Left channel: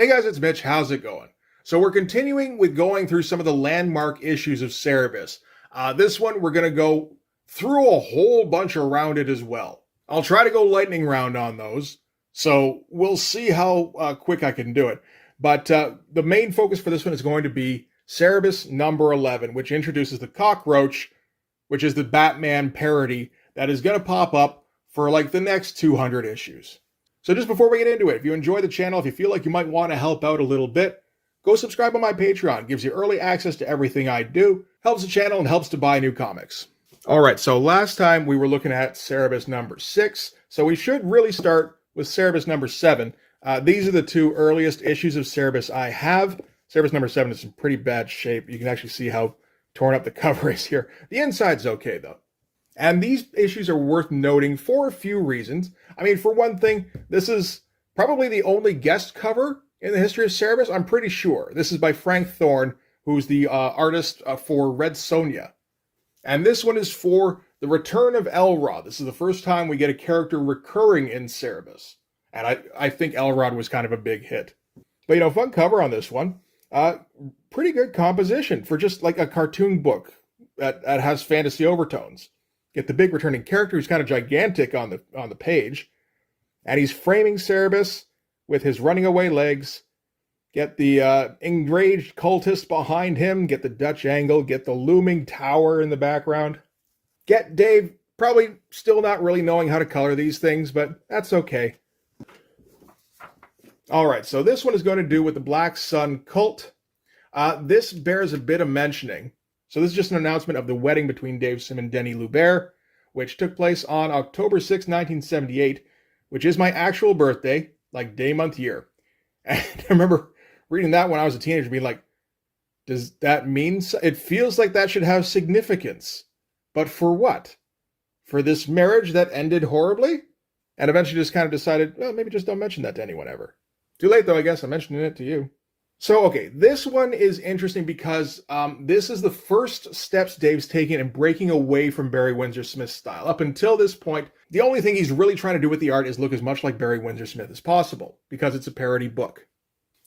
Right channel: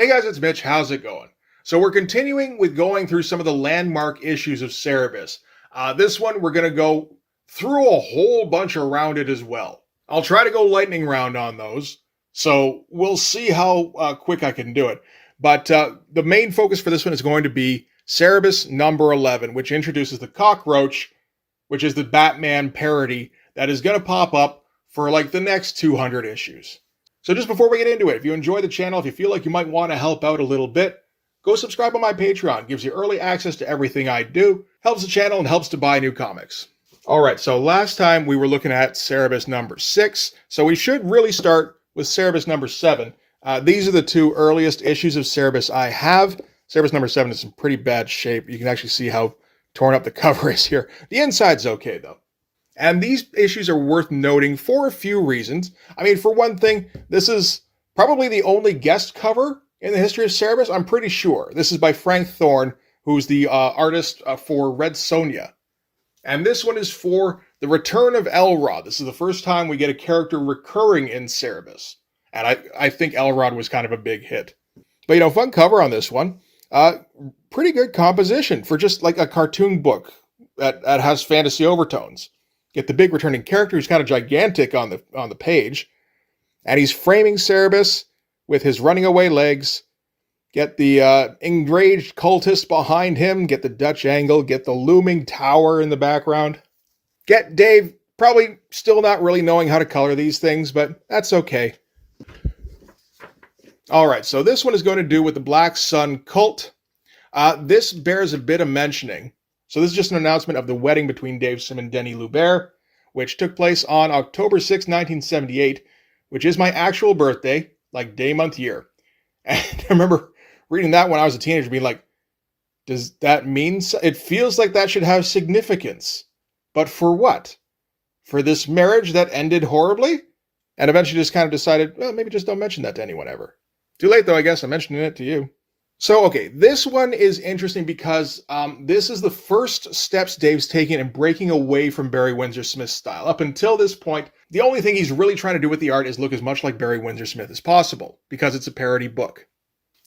Hey guys, it's Mitch. How's it going? So we're continuing with going through some of the landmark issues of Cerebus. This one, we're going to go through a whole bunch around it as well. I'll try to go lightning round on those, so we'll see how quick I can do it. But the main focus for this one is going to be Cerebus number 11, which introduces the cockroach, which is the Batman parody that is going to pop up for like the next 200 issues. So just before we get into it, if you enjoy the channel, if you feel like you might want to help out a little bit, go subscribe on my Patreon. It gives you early access to everything I do, helps the channel, and helps to buy new comics. All right, so last time we were looking at Cerebus number 6, so we should really start with Cerebus number 7. These are the two earliest issues of Cerebus I have. Cerebus number 7 is in pretty bad shape. You can actually see how torn up the cover is here. The inside's okay, though. And these issues are worth noting for a few reasons. I mean, for one thing, this is probably the only guest cover in the history of Cerebus, I'm pretty sure. This is by Frank Thorne, who's the artist for Red Sonja. And this one is for the return of Elrod. This is the first time we get a character recurring in Cerebus. And I think Elrod was kind of a big hit. But, you know, fun cover on this one. Pretty good composition for just like a cartoon book that has fantasy overtones. Get the big returning character who's kind of gigantic on the page. And he's framing Cerebus with his running away legs. Get the enraged cultist behind him. Get the Dutch angle. Get the looming tower in the background. Get Dave probably still not really knowing how to color these things, but that's okay. All right, so this one is going to do with the Black Sun cult. This bears a bit of mentioning. So this is just an announcement of the wedding between Dave Sim and Denny Lubert, which took place on October 6, 1978, which is my actual birthday, like day, month, year. And I remember reading that when I was a teenager, being like, does that mean so? It feels like that should have significance. But for what? For this marriage that ended horribly? And eventually just kind of decided, well, maybe just don't mention that to anyone ever. Too late, though, I guess. I'm mentioning it to you. So, okay, this one is interesting because this is the first steps Dave's taking in breaking away from Barry Windsor Smith's style. Up until this point, the only thing he's really trying to do with the art is look as much like Barry Windsor Smith as possible, because it's a parody book.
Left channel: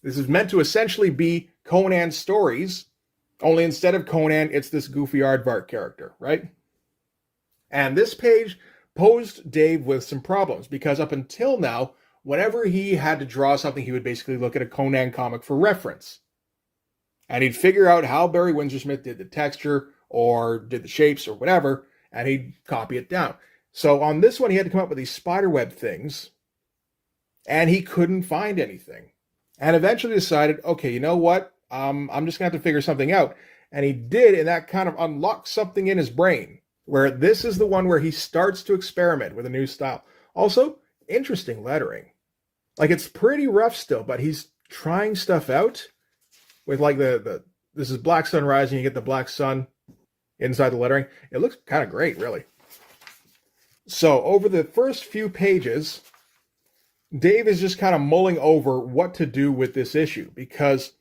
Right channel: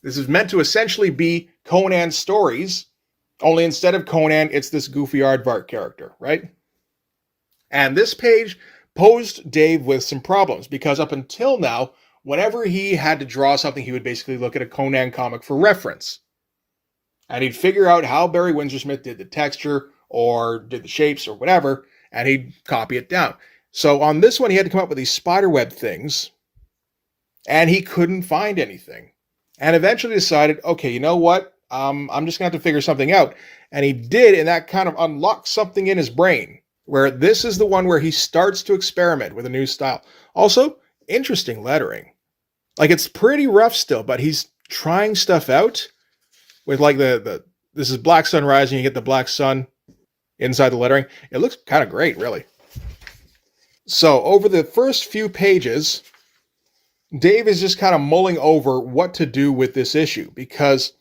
This is meant to essentially be Conan's stories, only instead of Conan, it's this goofy aardvark character, right? And this page posed Dave with some problems, because up until now, whenever he had to draw something, he would basically look at a Conan comic for reference. And he'd figure out how Barry Windsor Smith did the texture or did the shapes or whatever, and he'd copy it down. So on this one, he had to come up with these spiderweb things, and he couldn't find anything. And eventually decided, okay, you know what? I'm just going to have to figure something out. And he did, and that kind of unlocked something in his brain, where this is the one where he starts to experiment with a new style. Also, interesting lettering. Like, it's pretty rough still, but he's trying stuff out with like this is Black Sun Rising. You get the Black Sun inside the lettering. It looks kind of great, really. So over the first few pages, Dave is just kind of mulling over what to do with this issue, because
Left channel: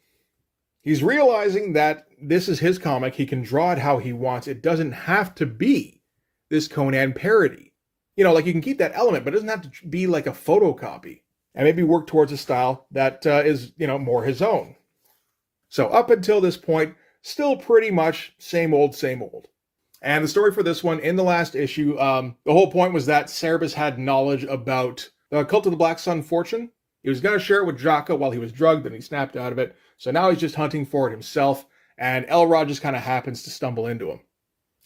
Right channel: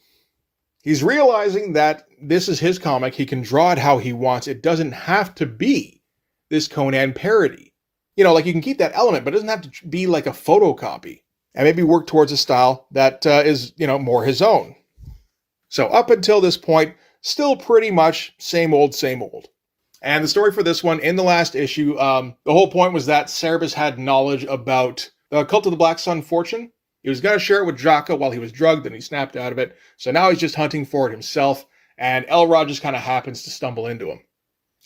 he's realizing that this is his comic. He can draw it how he wants. It doesn't have to be this Conan parody. You know, like, you can keep that element, but it doesn't have to be like a photocopy. And maybe work towards a style that is, you know, more his own. So up until this point, still pretty much same old, same old. And the story for this one, in the last issue, the whole point was that Cerebus had knowledge about the Cult of the Black Sun fortune. He was going to share it with Jaka while he was drugged, and he snapped out of it. So now he's just hunting for it himself, and Elrod just kind of happens to stumble into him.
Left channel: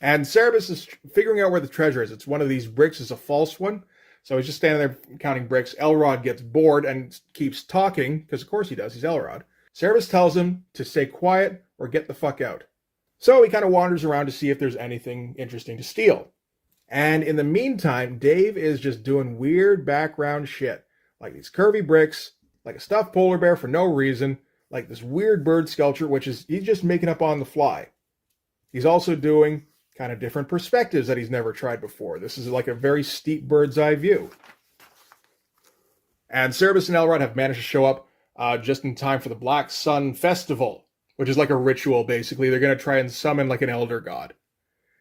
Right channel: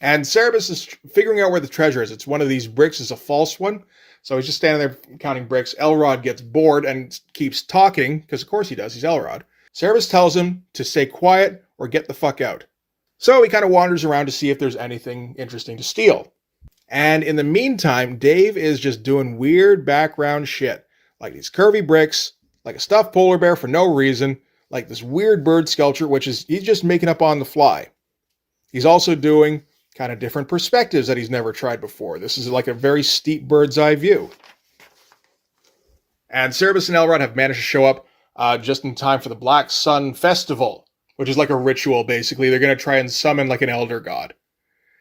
And Cerebus is figuring out where the treasure is. It's one of these bricks, is a false one. So he's just standing there counting bricks. Elrod gets bored and keeps talking, because of course he does, he's Elrod. Cerebus tells him to stay quiet or get the fuck out. So he kind of wanders around to see if there's anything interesting to steal. And in the meantime, Dave is just doing weird background shit. Like these curvy bricks, like a stuffed polar bear for no reason, like this weird bird sculpture, which is he's just making up on the fly. He's also doing kind of different perspectives that he's never tried before. This is like a very steep bird's eye view. And Cerebus and Elrod have managed to show up just in time for the Black Sun Festival, which is like a ritual, basically. They're going to try and summon like an elder god.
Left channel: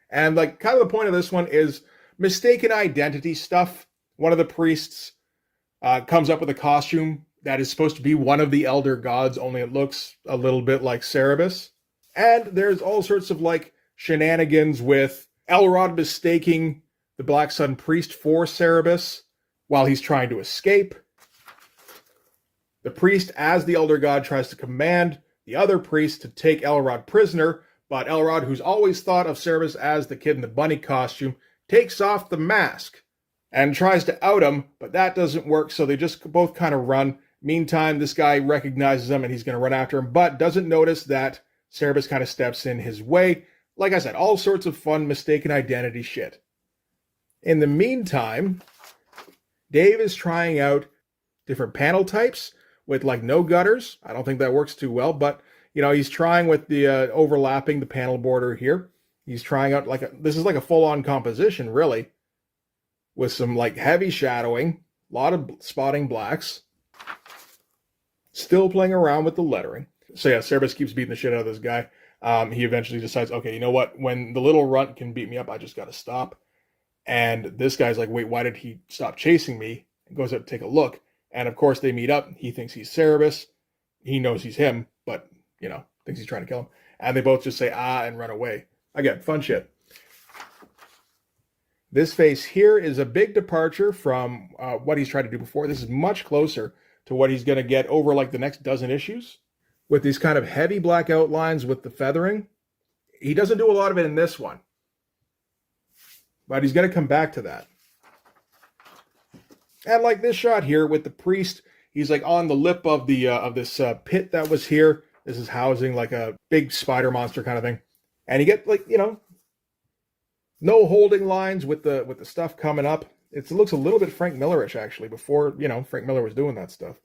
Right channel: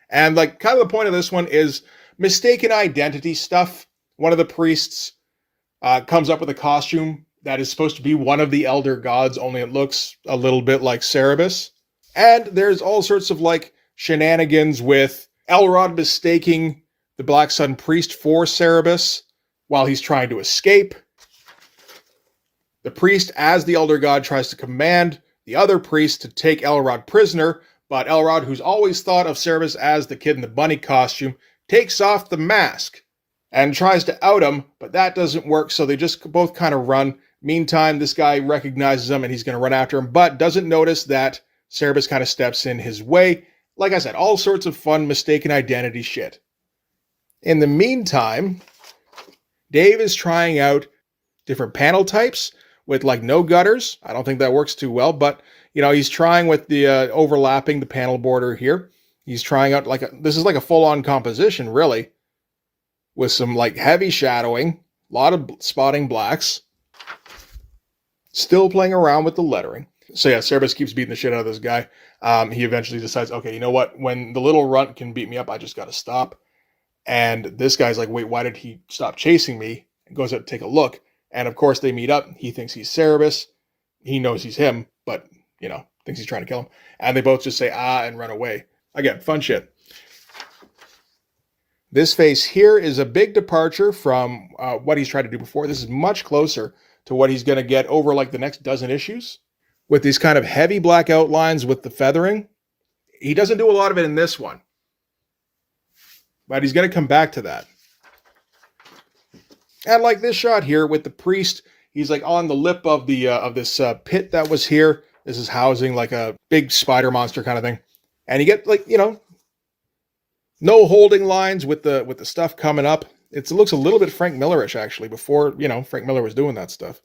And like kind of the point of this one is mistaken identity stuff. One of the priests comes up with a costume that is supposed to be one of the elder gods, only it looks a little bit like Cerebus. And there's all sorts of like shenanigans with Elrod mistaking the Black Sun priest for Cerebus while he's trying to escape. The priest, as the elder god, tries to command the other priest to take Elrod prisoner, but Elrod, who's always thought of Cerebus as the kid in the bunny costume, takes off the mask and tries to out him, but that doesn't work, so they just both kind of run. Meantime, this guy recognizes him and he's going to run after him, but doesn't notice that Cerebus kind of steps in his way. Like I said, all sorts of fun mistaken identity shit. In the meantime, Dave is trying out different panel types with like no gutters. I don't think that works too well, but he's trying with the overlapping the panel border here. He's trying out this is like a full-on composition, really, with some like heavy shadowing, a lot of spotting blacks, still playing around with the lettering. So yeah, Cerebus keeps beating the shit out of this guy. He eventually decides, okay, you know what? When the little runt can beat me up, I just got to stop. And this guy's like, wait, why did he stop chasing me? And goes out to take a look. And of course they meet up. He thinks he's Cerebus. He knows he's him, but, thinks he's trying to kill him. And they both just say, and run away. Again, fun shit. This face here is a big departure from what he's tried to do before. This is much closer to what he's going to get over like the next dozen issues, with these kind of heavy black outlines with the feathering. He doesn't do a lot of it in this one, but he's going to come back to that. And like this shot here with the priest, he's like on the lip of the this pit that was here. This is housing like a big spider monster kind of thing. And you get like, no holding lines with the stuff coming up. It looks a little bit Frank Millerish actually, before, Frank Miller was doing that stuff.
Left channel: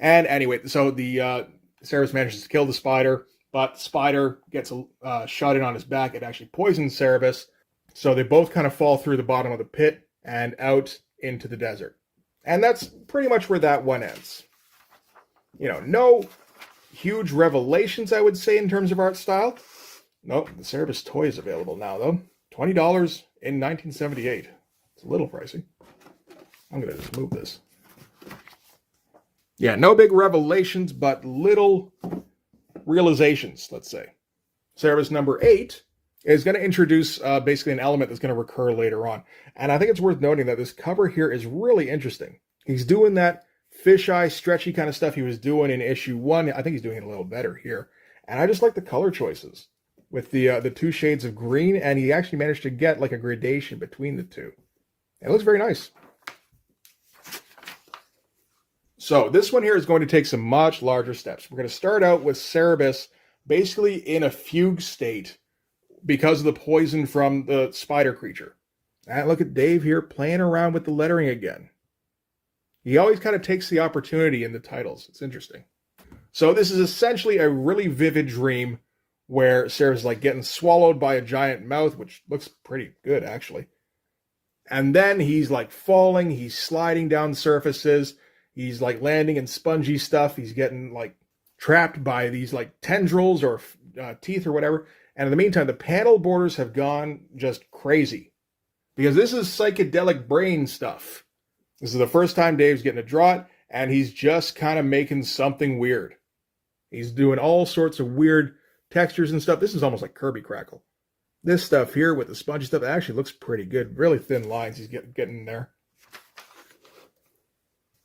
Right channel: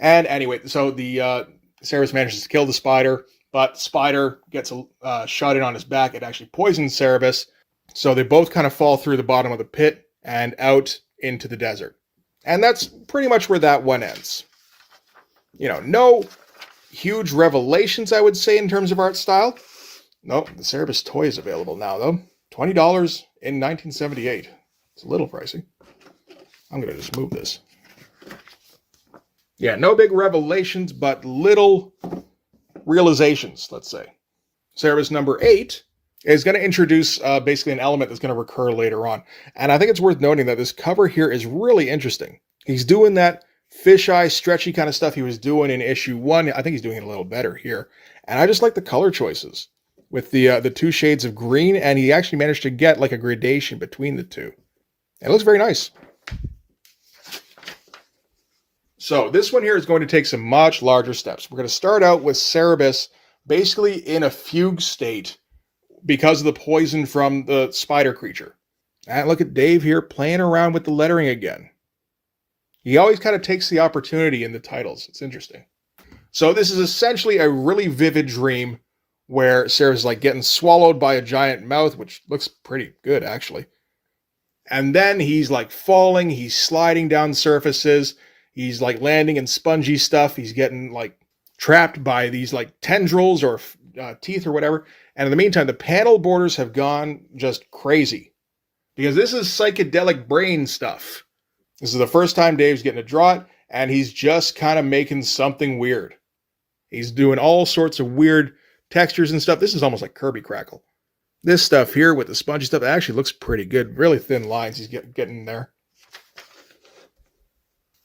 And anyway, so the Cerebus manages to kill the spider, but spider gets a shot in on his back. It actually poisons Cerebus. So they both kind of fall through the bottom of the pit and out into the desert. And that's pretty much where that one ends. No huge revelations, I would say, in terms of art style. Nope, the Cerebus toy is available now, though. $20 in 1978. It's a little pricey. I'm going to just move this. Yeah, no big revelations, but little realizations, let's say. Cerebus number 8 is going to introduce basically an element that's going to recur later on. And I think it's worth noting that this cover here is really interesting. He's doing that fisheye, stretchy kind of stuff he was doing in issue 1. I think he's doing it a little better here. And I just like the color choices with the two shades of green, and he actually managed to get like a gradation between the two. It looks very nice. So this one here is going to take some much larger steps. We're going to start out with Cerebus basically in a fugue state because of the poison from the spider creature. And look at Dave here playing around with the lettering again. He always kind of takes the opportunity in the titles. It's interesting. So this is essentially a really vivid dream where Cerebus is like getting swallowed by a giant mouth, which looks pretty good actually. And then he's like falling, he's sliding down surfaces, he's like landing in spongy stuff, he's getting like trapped by these like tendrils or teeth or whatever. And in the meantime, the panel borders have gone just crazy because this is psychedelic brain stuff. This is the first time Dave's getting to draw it, and he's just kind of making something weird. He's doing all sorts of weird textures and stuff. This is almost like Kirby Crackle. This stuff here with the spongy stuff actually looks pretty good. Really thin lines he's getting there.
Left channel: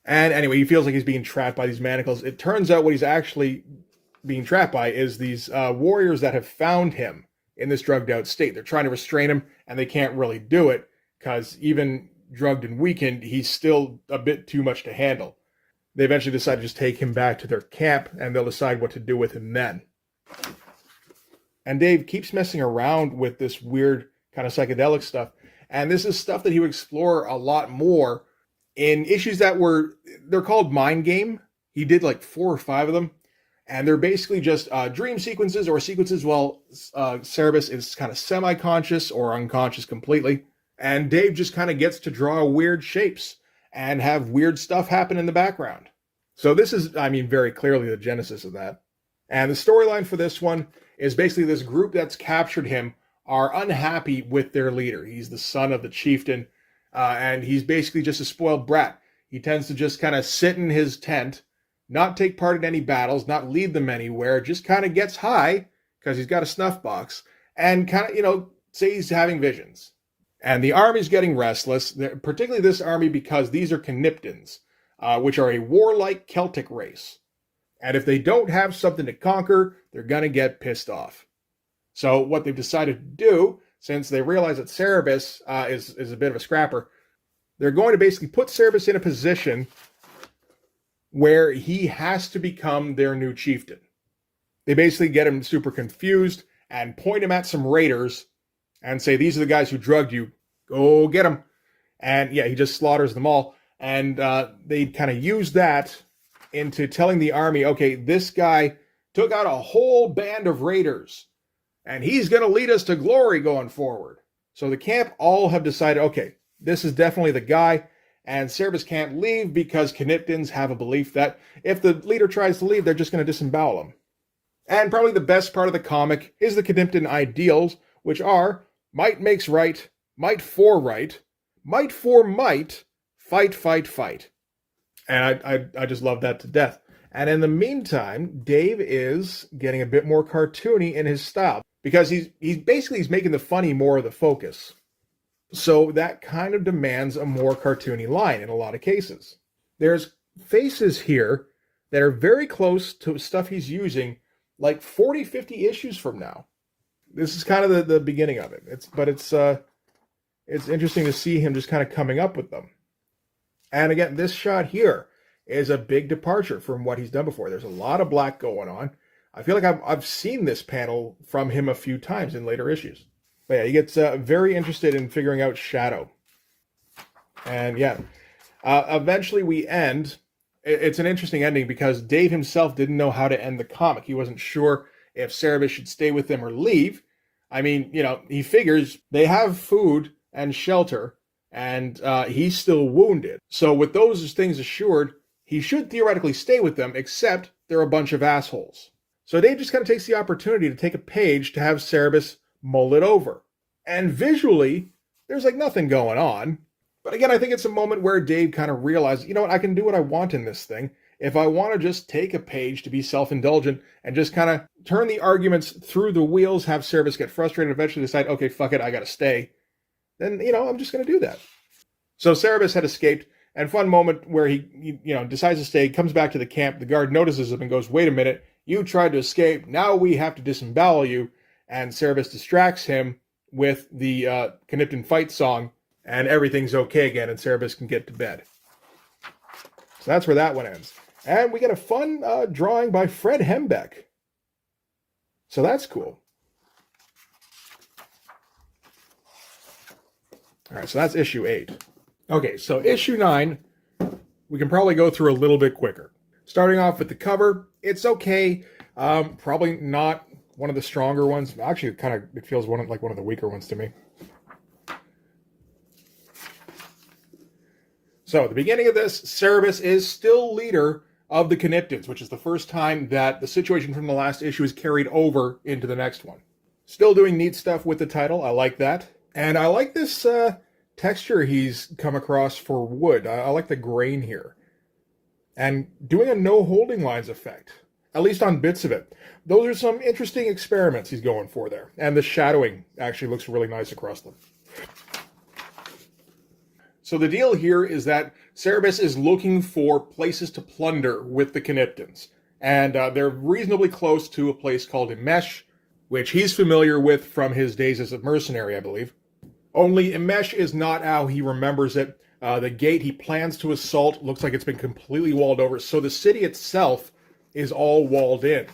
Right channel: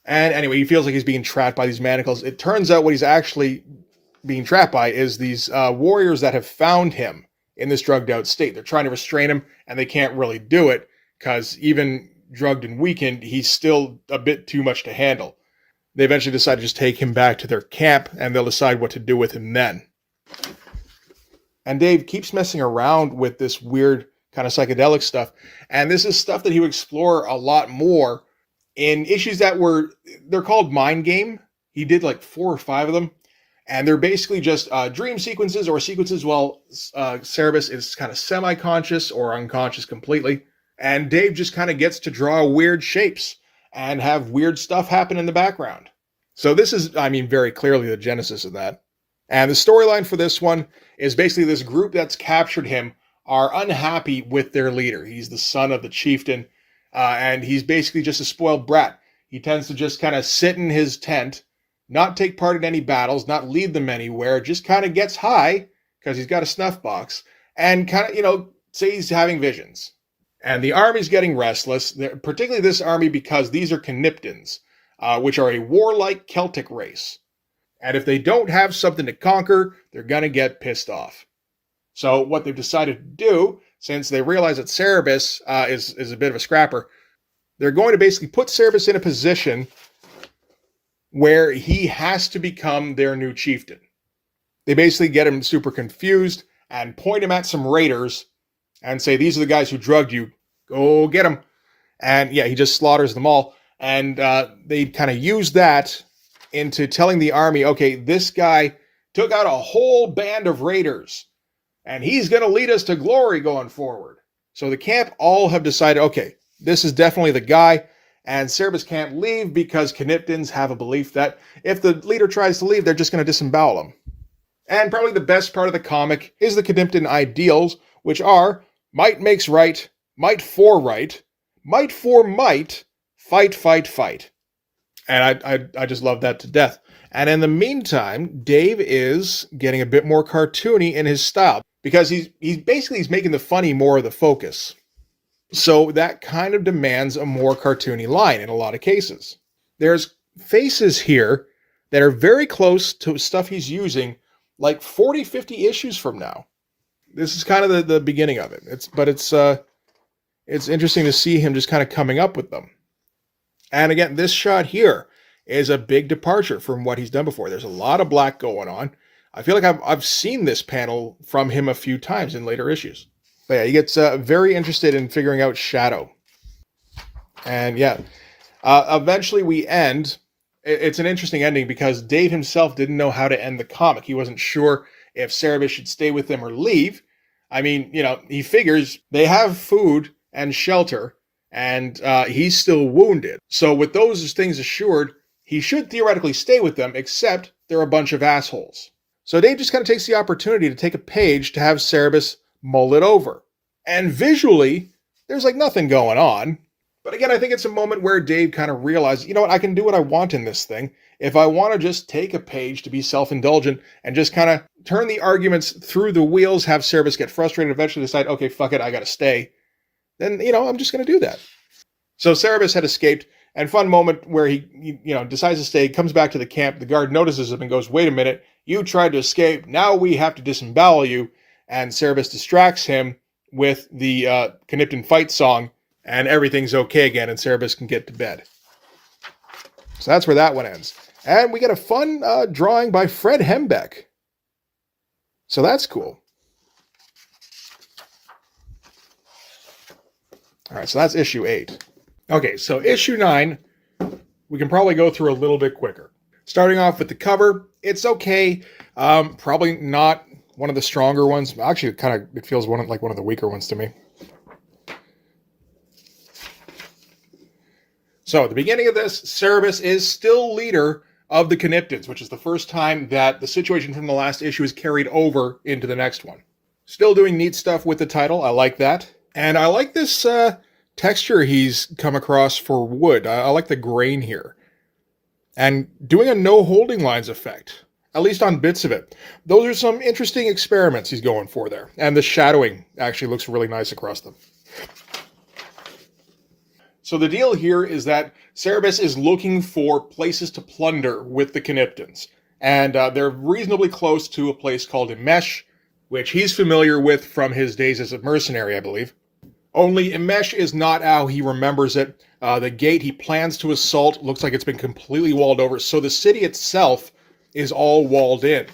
And anyway, he feels like he's being trapped by these manacles. It turns out what he's actually being trapped by is these warriors that have found him in this drugged out state. They're trying to restrain him, and they can't really do it because even drugged and weakened, he's still a bit too much to handle. They eventually decide to just take him back to their camp, and they'll decide what to do with him then. And Dave keeps messing around with this weird kind of psychedelic stuff. And this is stuff that he would explore a lot more in issues that they're called Mind Game. He did like 4 or 5 of them. And they're basically just dream sequences or sequences while Cerebus is kind of semi-conscious or unconscious completely. And Dave just kind of gets to draw weird shapes and have weird stuff happen in the background. So this is, very clearly the genesis of that. And the storyline for this one is basically this group that's captured him are unhappy with their leader. He's the son of the chieftain, and he's basically just a spoiled brat. he tends to just kind of sit in his tent, not take part in any battles, not lead them anywhere, just kind of gets high because he's got a snuff box and kind of, say he's having visions. And the army's getting restless, particularly this army because these are Cniptins, which are a warlike Celtic race. And if they don't have something to conquer, they're going to get pissed off. So what they've decided to do, since they realize that Cerebus is a bit of a scrapper, they're going to basically put Cerebus in a position where he has to become their new chieftain. They basically get him super confused and point him at some raiders and say, these are the guys who drugged you. Go get them. And yeah, he just slaughters them all. And they kind of use that into telling the army, okay, this guy took out a whole band of raiders, and he's going to lead us to glory going forward. So the camp all have decided, okay, this is definitely the guy, and Cerebus can't leave because Cniptins have a belief that if the leader tries to leave, they're just going to disembowel him. And probably the best part of the comic is the Cniptin ideals, which are might makes right, might for right, might for might, fight, fight, fight. And I just love that to death. And in the meantime, Dave is getting a bit more cartoony in his style because he's making the funny more of the focus. So that kind of demands a more cartoony line in a lot of cases. There's faces here that are very close to stuff he's using like 40, 50 issues from now. This is kind of the beginning of it. It's interesting to see him just kind of coming up with them. And again, this shot here is a big departure from what he's done before. There's a lot of black going on. I feel like I've seen this panel from him a few times in later issues. But yeah, he gets very interested in figuring out shadow. And yeah, eventually we end. It's an interesting ending because Dave himself didn't know how to end the comic. He wasn't sure if Cerebus should stay with them or leave. I mean, he figures they have food and shelter, and he's still wounded. So with those things assured, he should theoretically stay with them, except they're a bunch of assholes. So Dave just kind of takes the opportunity to take a page to have Cerebus mull it over. And visually, there's like nothing going on. But again, I think it's a moment where Dave kind of realizes, I can do what I want in this thing. If I want to just take a page to be self-indulgent and just kind of turn the arguments through the wheels, have Cerebus get frustrated, eventually decide, okay, fuck it, I got to stay, then, I'm just going to do that. So Cerebus had escaped, and fun moment where he decides to stay, comes back to the camp, the guard notices him and goes, wait a minute, you tried to escape, now we have to disembowel you, and Cerebus distracts him with the Cniptin fight song, and everything's okay again, and Cerebus can get to bed. So that's where that one ends. And we get a fun drawing by Fred Hembeck. So that's cool. All right, so that's issue 8. Okay, so issue 9, we can probably go through a little bit quicker. Starting off with the cover, it's okay. Probably not one of the stronger ones. Actually, it feels like one of the weaker ones to me. So at the beginning of this, Cerebus is still leader of the Cniptins, which is the first time that the situation from the last issue is carried over into the next one. Still doing neat stuff with the title. I like that. And I like this texture he's come across for wood. I like the grain here. And doing a no holding lines effect, at least on bits of it. Those are some interesting experiments he's going for there. And the shadowing actually looks really nice across them. So the deal here is that Cerebus is looking for places to plunder with the Cniptins. And they're reasonably close to a place called Imesh, which he's familiar with from his days as a mercenary, I believe. Only Imesh is not how he remembers it. The gate he plans to assault looks like it's been completely walled over, so the city itself is all walled in.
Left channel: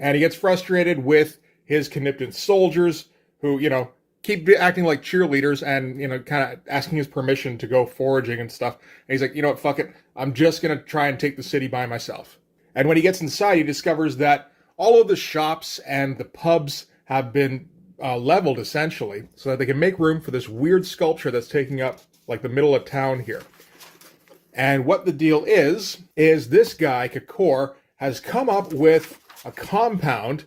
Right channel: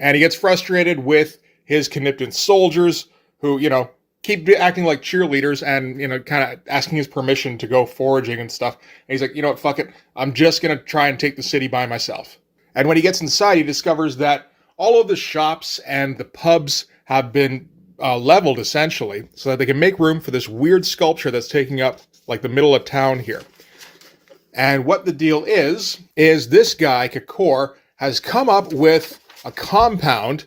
And he gets frustrated with his Cniptin soldiers who, keep acting like cheerleaders and, kind of asking his permission to go foraging and stuff. And he's like, you know what, fuck it. I'm just going to try and take the city by myself. And when he gets inside, he discovers that all of the shops and the pubs have been leveled, essentially, so that they can make room for this weird sculpture that's taking up, like, the middle of town here. And what the deal is this guy, Kakor, has come up with a compound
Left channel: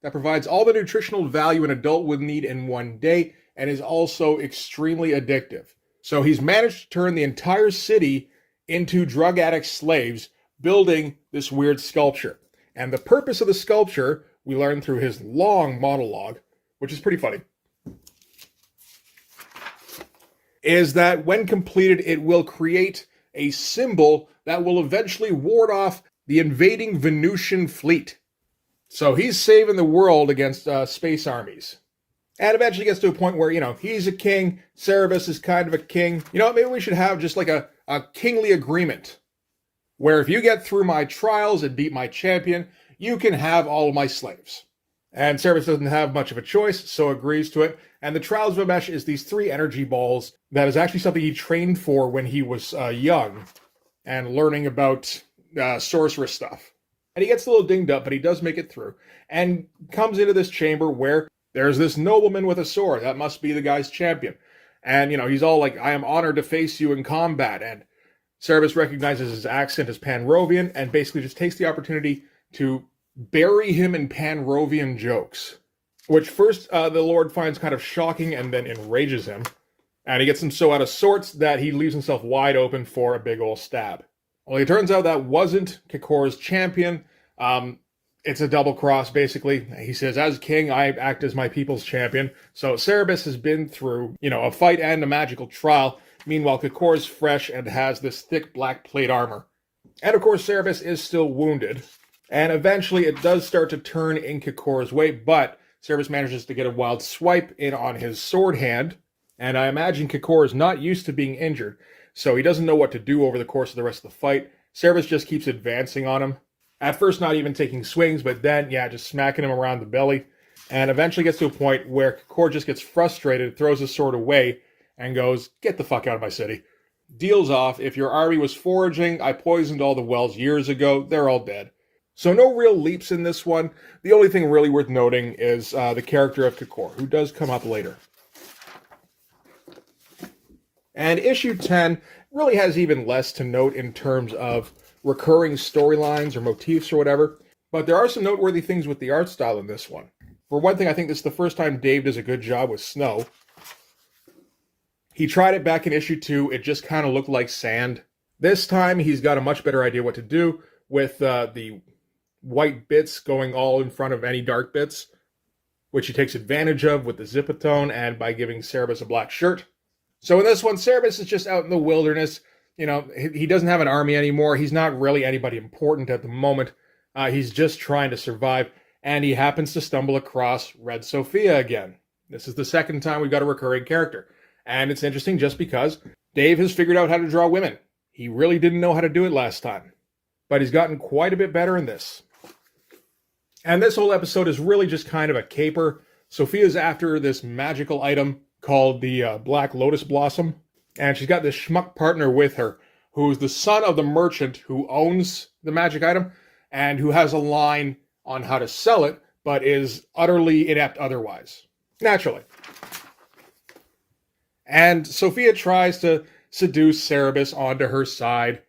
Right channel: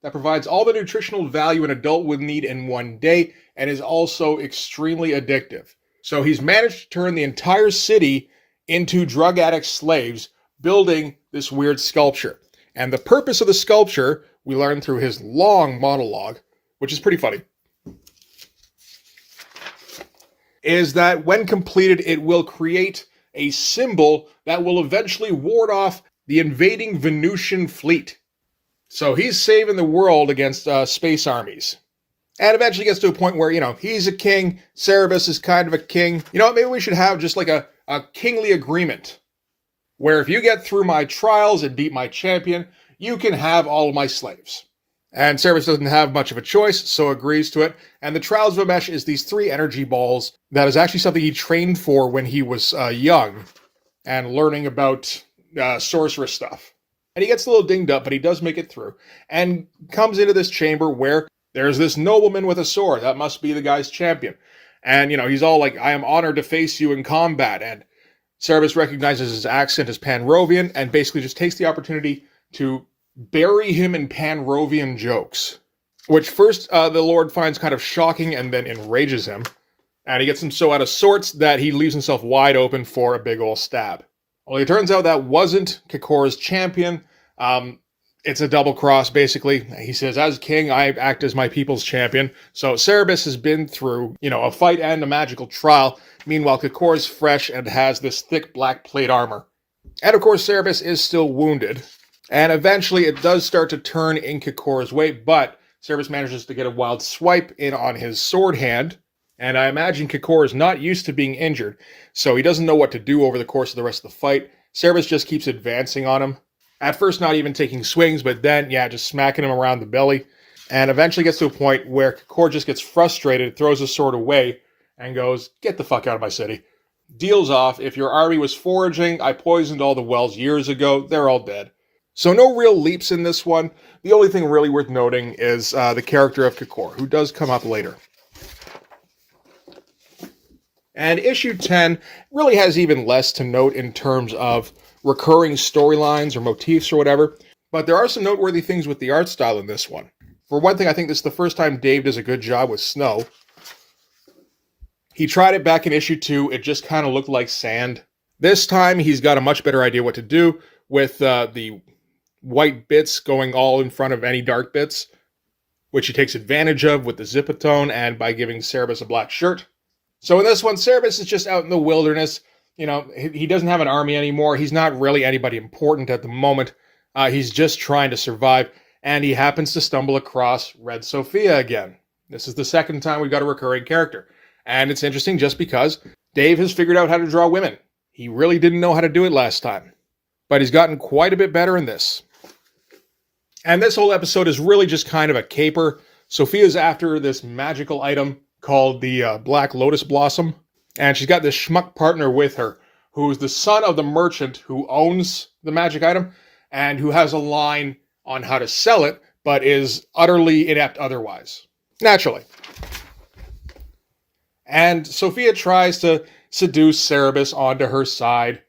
that provides all the nutritional value an adult would need in one day and is also extremely addictive. So he's managed to turn the entire city into drug addict slaves building this weird sculpture. And the purpose of the sculpture, we learn through his long monologue, which is pretty funny, is that when completed, it will create a symbol that will eventually ward off the invading Venusian fleet. So he's saving the world against space armies. And eventually gets to a point where, he's a king, Cerebus is kind of a king. Maybe we should have just like a kingly agreement, where if you get through my trials and beat my champion, you can have all of my slaves. And Cerebus doesn't have much of a choice, so agrees to it. And the Trials of Amesh is these 3 energy balls that is actually something he trained for when he was young and learning about sorceress stuff. And he gets a little dinged up, but he does make it through and comes into this chamber where there's this nobleman with a sword. That must be the guy's champion. And, he's all like, I am honored to face you in combat. And Cerebus recognizes his accent as Panrovian and basically just takes the opportunity to bury him in Panrovian jokes, which first the Lord finds kind of shocking and then enrages him. And he gets him so out of sorts that he leaves himself wide open for a big ol' stab. Well, it turns out that wasn't Kikor's champion. It's a double cross, basically. He says, as king, I act as my people's champion. So Cerebus has been through, a fight and a magical trial. Meanwhile, Kikor's fresh and has this thick black plate armor. And of course, Cerebus is still wounded. And eventually it does start to turn in Kikor's way, but Cerebus manages to get a wild swipe in on his sword hand. And I imagine Kikor is not used to being injured, so he doesn't know what to do over the course of the rest of the fight. Cerebus just keeps advancing on him. At first, not even taking swings, but then, just smacking him around the belly. And eventually gets to a point where Kikor just gets frustrated, throws his sword away, and goes, get the fuck out of my city. Deals off, if your army was foraging, I poisoned all the wells years ago, they're all dead. So no real leaps in this one. The only thing really worth noting is the character of Kikor, who does come up later. And issue 10 really has even less to note in terms of recurring storylines or motifs or whatever, but there are some noteworthy things with the art style in this one. For one thing, I think this is the first time Dave does a good job with snow. He tried it back in issue 2, it just kind of looked like sand. This time, he's got a much better idea what to do with the white bits going all in front of any dark bits, which he takes advantage of with the Zipatone and by giving Cerebus a black shirt. So in this one, Cerebus is just out in the wilderness. He doesn't have an army anymore. He's not really anybody important at the moment. He's just trying to survive, and he happens to stumble across Red Sophia again. This is the second time we've got a recurring character. And it's interesting just because Dave has figured out how to draw women. He really didn't know how to do it last time. But he's gotten quite a bit better in this. And this whole episode is really just kind of a caper. Sophia's after this magical item called the Black Lotus Blossom. And she's got this schmuck partner with her, who's the son of the merchant who owns the magic item, and who has a line on how to sell it, but is utterly inept otherwise. Naturally. And Sophia tries to seduce Cerebus onto her side,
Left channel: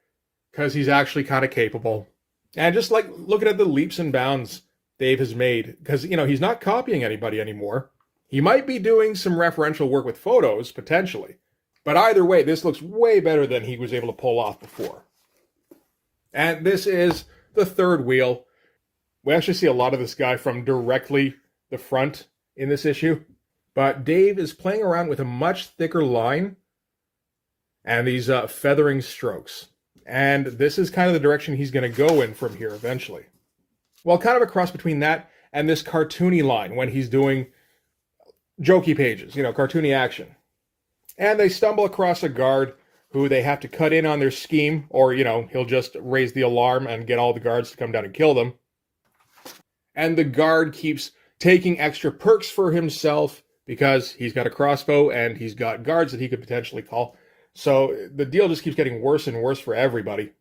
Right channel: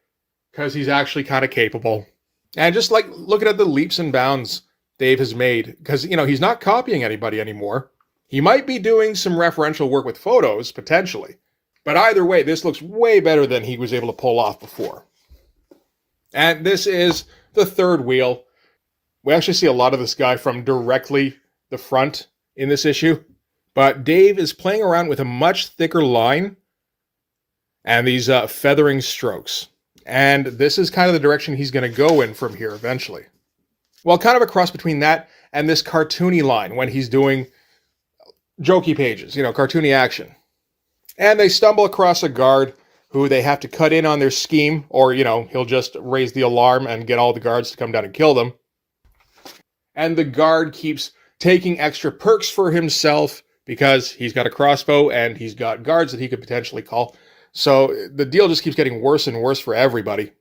because he's actually kind of capable. And just like looking at the leaps and bounds Dave has made, because, he's not copying anybody anymore. He might be doing some referential work with photos, potentially. But either way, this looks way better than he was able to pull off before. And this is the third wheel. We actually see a lot of this guy from directly the front in this issue. But Dave is playing around with a much thicker line and these feathering strokes. And this is kind of the direction he's going to go in from here eventually. Well, kind of a cross between that and this cartoony line when he's doing jokey pages, cartoony action. And they stumble across a guard who they have to cut in on their scheme, or, he'll just raise the alarm and get all the guards to come down and kill them. And the guard keeps taking extra perks for himself because he's got a crossbow and he's got guards that he could potentially call. So the deal just keeps getting worse and worse for everybody.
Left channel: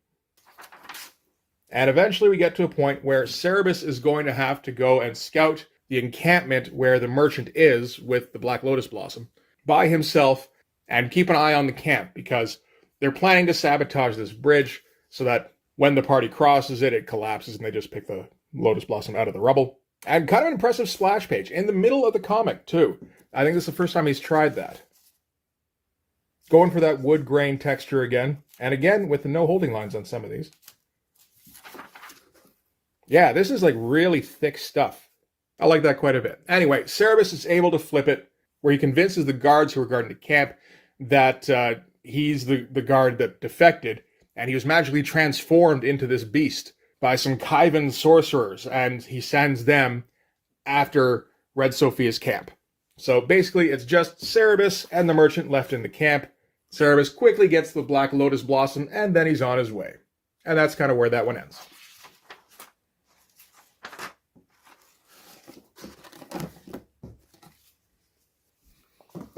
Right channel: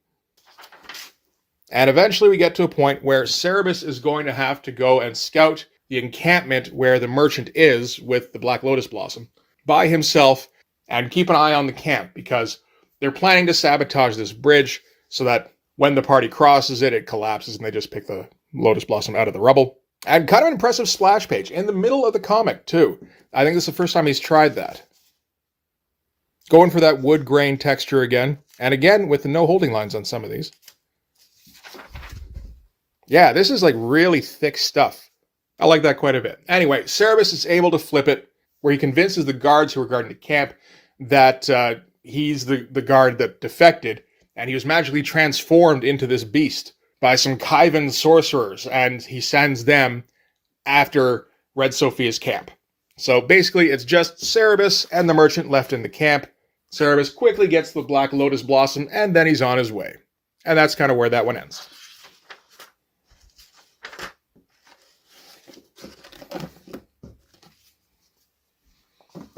And eventually we get to a point where Cerebus is going to have to go and scout the encampment where the merchant is with the Black Lotus Blossom by himself and keep an eye on the camp because they're planning to sabotage this bridge so that when the party crosses it, it collapses and they just pick the Lotus Blossom out of the rubble. And kind of an impressive splash page in the middle of the comic, too. I think this is the first time he's tried that. Going for that wood grain texture again. And again, with the no holding lines on some of these. Yeah, this is like really thick stuff. I like that quite a bit. Anyway, Cerebus is able to flip it, where he convinces the guards who are guarding the camp that he's the guard that defected, and he was magically transformed into this beast by some Kyvan sorcerers, and he sends them after Red Sophia's camp. So basically, it's just Cerebus and the merchant left in the camp. Cerebus quickly gets the Black Lotus Blossom, and then he's on his way. And that's kind of where that one ends.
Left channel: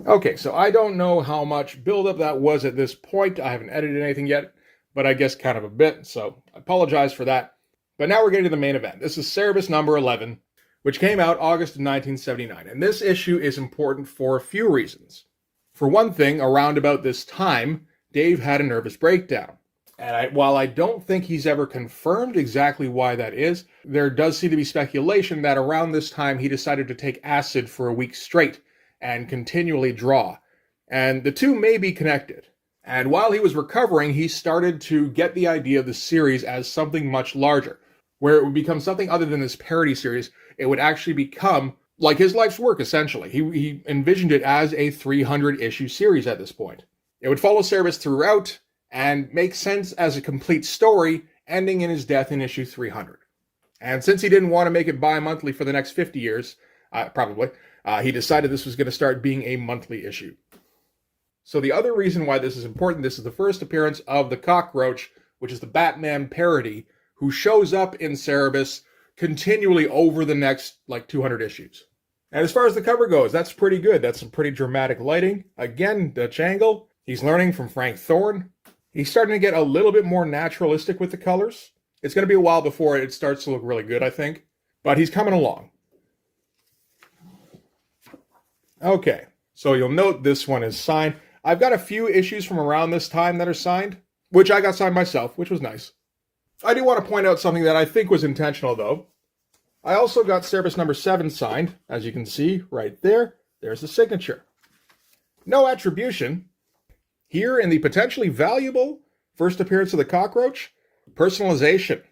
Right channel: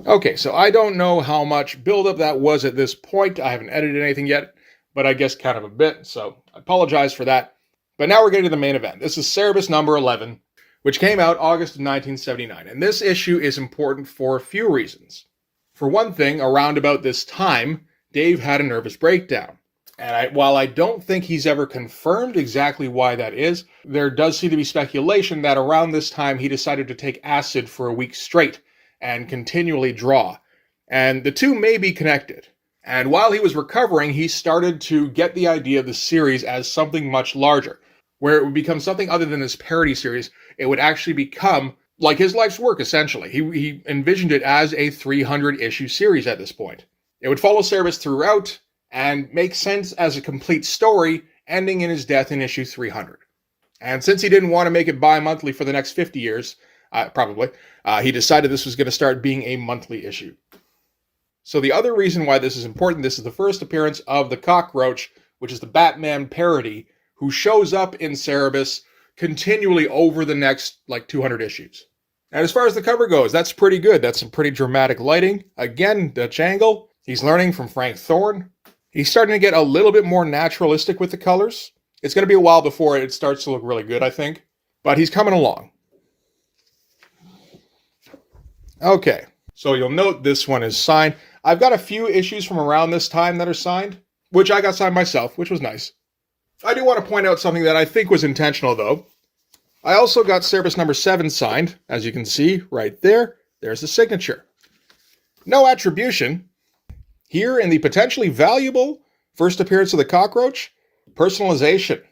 Okay, so I don't know how much buildup that was at this point. I haven't edited anything yet, but I guess kind of a bit, so I apologize for that. But now we're getting to the main event. This is Cerebus number 11, which came out August of 1979. And this issue is important for a few reasons. For one thing, around about this time, Dave had a nervous breakdown. And while I don't think he's ever confirmed exactly why that is, there does seem to be speculation that around this time he decided to take acid for a week straight and continually draw. And the two may be connected. And while he was recovering, he started to get the idea of the series as something much larger, where it would become something other than this parody series. It would actually become like his life's work, essentially. He envisioned it as a 300-issue series at this point. It would follow Cerebus throughout and make sense as a complete story, ending in his death in issue 300. And since he didn't want to make it bi-monthly for the next 50 years, he decided this was going to start being a monthly issue. So the other reason why this is important, this is the first appearance of the Cockroach, which is the Batman parody, who shows up in Cerebus continually over the next, 200 issues. And as far as the cover goes, that's pretty good. That's some pretty dramatic lighting. Again, Dutch angle. He's learning from Frank Thorne. He's starting to get a little bit more naturalistic with the colors. It's going to be a while before it starts to look really good, I think. But he's coming along. Okay, so you'll note this one is signed. I've got a few issues from around this time that are signed, which I got signed myself, which was nice. I do want to point out something that I think was intentional, though. I also got Cerebus number 7 signed, as you can see right there. There's the signature. No attribution. Here in the potentially valuable first appearance of the Cockroach, personalization.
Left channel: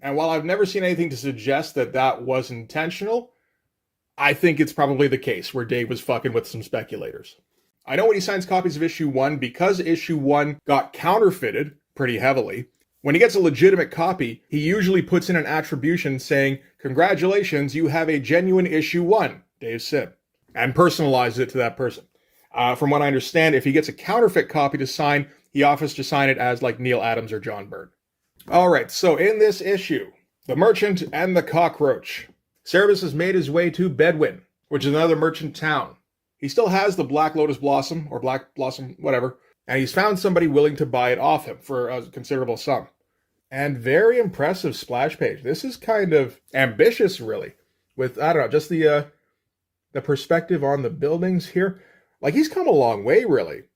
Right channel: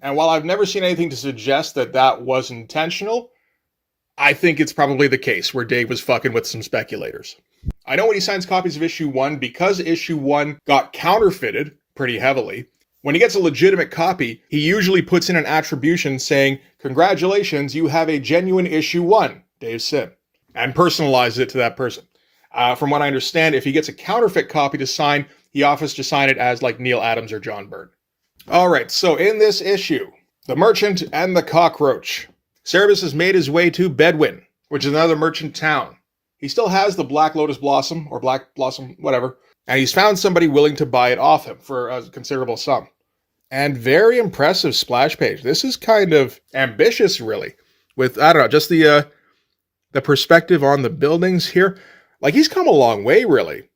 And while I've never seen anything to suggest that that was intentional, I think it's probably the case where Dave was fucking with some speculators. I know when he signs copies of issue 1, because issue 1 got counterfeited pretty heavily, when he gets a legitimate copy, he usually puts in an attribution saying, "Congratulations, you have a genuine issue 1, Dave Sim," and personalizes it to that person. From what I understand, if he gets a counterfeit copy to sign, he offers to sign it as like Neil Adams or John Byrne. All right, so in this issue, the Merchant and the Cockroach. Cerebus has made his way to Bedwin, which is another merchant town. He still has the Black Lotus Blossom, or Black Blossom, whatever, and he's found somebody willing to buy it off him for a considerable sum. And very impressive splash page. This is kind of ambitious, really, with, I don't know, just the perspective on the buildings here. Like, he's come a long way, really.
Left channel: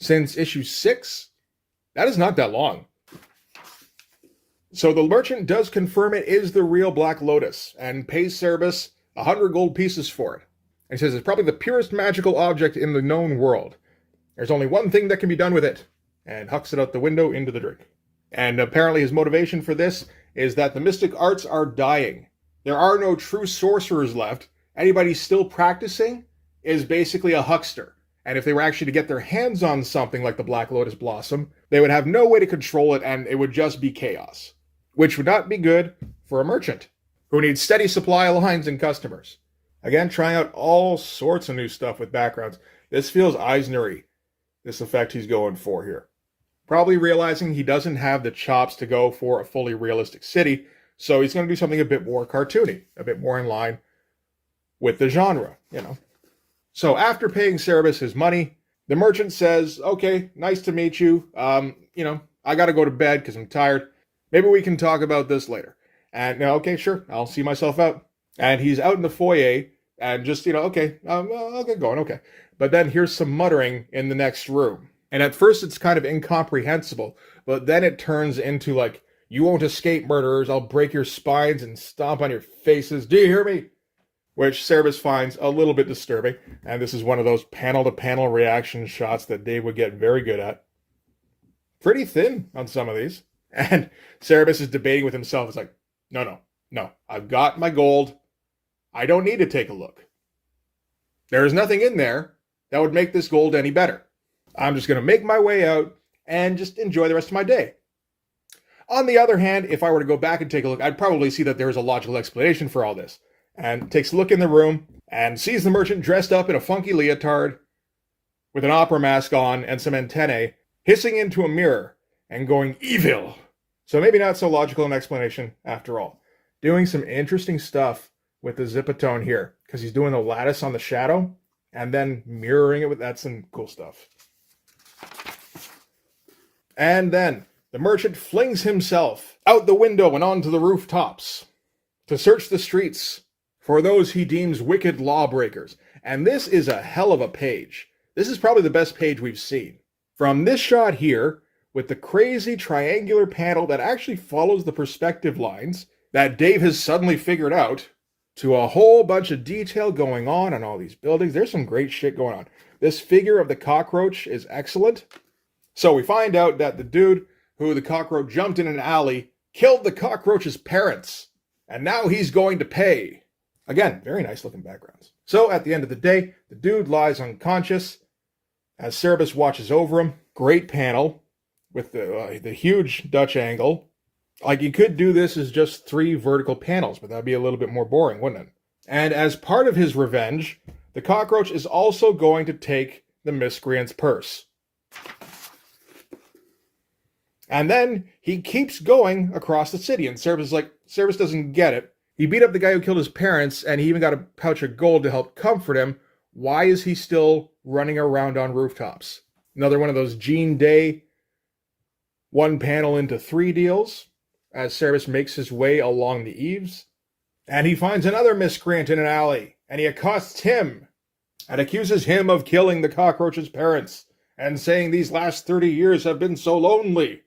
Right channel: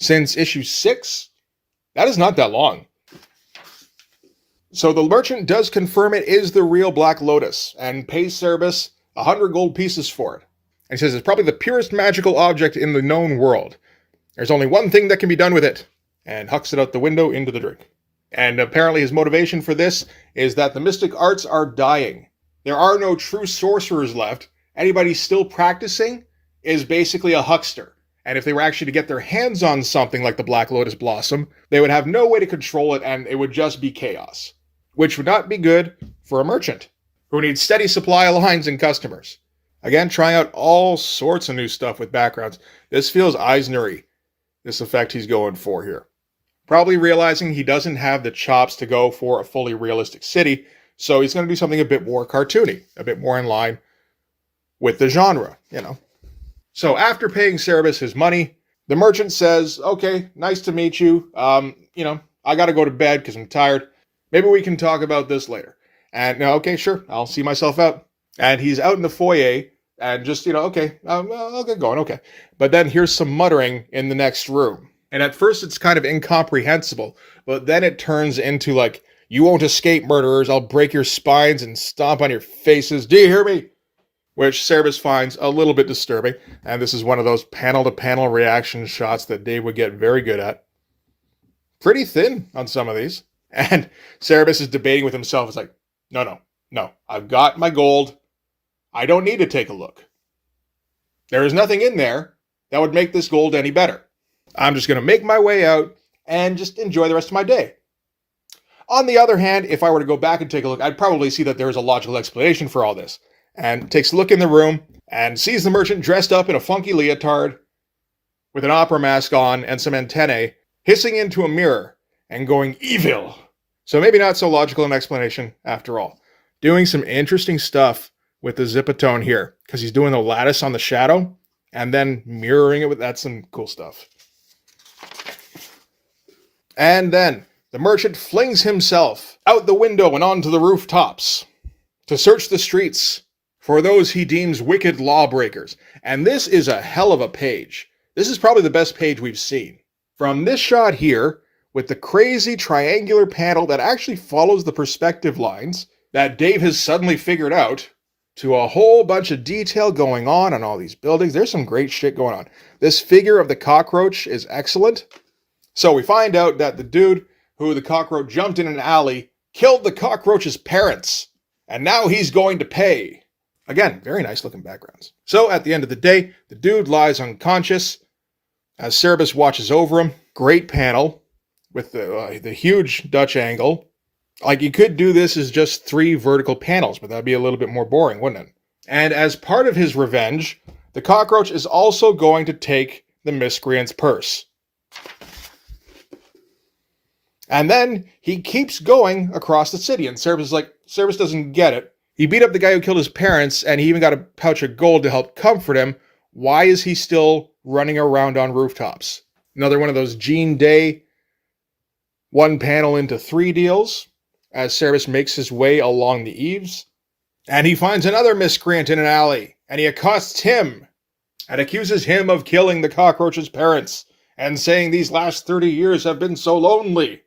Since issue 6, that is not that long. So the merchant does confirm it is the real Black Lotus and pays Cerebus 100 gold pieces for it. And he says it's probably the purest magical object in the known world. There's only one thing that can be done with it, and hucks it out the window into the drink. And apparently his motivation for this is that the mystic arts are dying. There are no true sorcerers left. Anybody still practicing is basically a huckster. And if they were actually to get their hands on something like the Black Lotus Blossom, they would have no way to control it, and it would just be chaos. Which would not be good for a merchant who needs steady supply lines and customers. Again, trying out all sorts of new stuff with backgrounds. This feels Eisner-y, this effect he's going for here. Probably realizing he doesn't have the chops to go for a fully realistic city, so he's going to do something a bit more cartoony, a bit more in line with the genre, So after paying Cerebus his money, the merchant says, "Okay, nice to meet you. I got to go to bed because I'm tired. Maybe we can talk about this later." And, okay, sure, I'll see myself out. And he's out in the foyer and just, okay, I'll get going, okay. But then here's some muttering in the next room. And at first it's kind of incomprehensible, but then it turns into like, "You won't escape, murderers. I'll break your spines and stomp on your faces. Do you hear me?" which Cerebus finds a little bit disturbing. And this is one of those panel-to-panel reaction shots that Dave would get very good at. Pretty thin on some of these. And Cerebus is debating with himself. It's like, no. I've got my gold. I don't need to take a look. There is nothing in there that would make this gold any better. I'm just going to make my way out and just enjoy the rest of my day. On the other hand, if I were to go back and take a look, I'd probably see that there is a logical explanation for all this. And takes a look in the room and sees the merchant dressed up in a funky leotard with an opera mask on and some antennae, hissing into a mirror and going evil. So maybe not so logical an explanation after all. Doing some interesting stuff with the zipatone here, because he's doing the lattice on the shadow and then mirroring it with, that's some cool stuff. And then the merchant flings himself out the window and onto the rooftops to search the streets for those he deems wicked lawbreakers. And this is a hell of a page. This is probably the best page we've seen. From this shot here, with the crazy triangular panel that actually follows the perspective lines that Dave has suddenly figured out, to a whole bunch of detail going on all these buildings. There's some great shit going on. This figure of the cockroach is excellent. So we find out that the dude who the cockroach jumped in an alley killed the cockroach's parents. And now he's going to pay. Again, very nice looking backgrounds. So at the end of the day, the dude lies unconscious as Cerebus watches over him. Great panel with the huge Dutch angle. Like, you could do this as just 3 vertical panels, but that'd be a little bit more boring, wouldn't it? And as part of his revenge, the cockroach is also going to take the miscreant's purse. And then he keeps going across the city, and Cerebus doesn't get it. He beat up the guy who killed his parents, and he even got a pouch of gold to help comfort him. Why is he still running around on rooftops? Another one of those Gene Day 1 panel into 3 deals, as Cerebus makes his way along the eaves. And he finds another miscreant in an alley, and he accosts him, and accuses him of killing the cockroach's parents, and saying these last 30 years have been so lonely.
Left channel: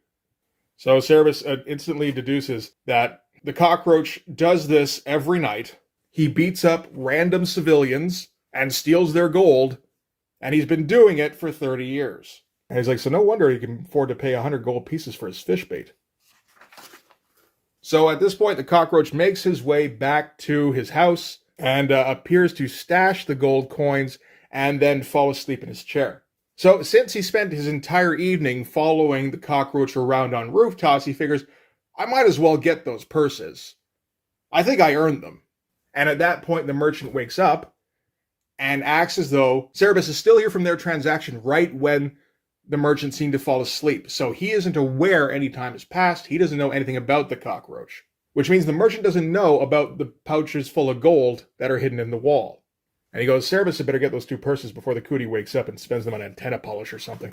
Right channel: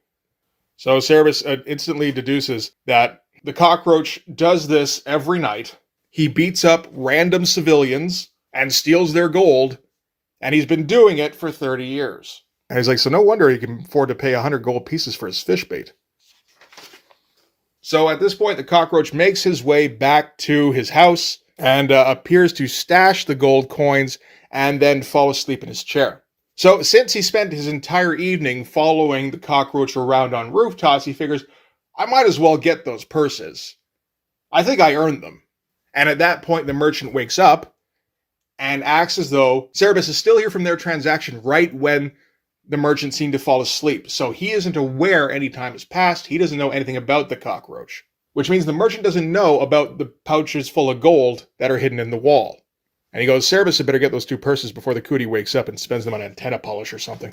So Cerebus instantly deduces that the cockroach does this every night. He beats up random civilians and steals their gold, and he's been doing it for 30 years. And he's like, so no wonder he can afford to pay 100 gold pieces for his fish bait. So at this point, the cockroach makes his way back to his house and appears to stash the gold coins and then fall asleep in his chair. So since he spent his entire evening following the cockroach around on rooftops, he figures, I might as well get those purses. I think I earned them. And at that point, the merchant wakes up and acts as though Cerebus is still here from their transaction right when the merchant seemed to fall asleep. So he isn't aware any time has passed. He doesn't know anything about the cockroach, which means the merchant doesn't know about the pouches full of gold that are hidden in the wall. And he goes, Cerebus had better get those 2 purses before the cootie wakes up and spends them on antenna polish or something.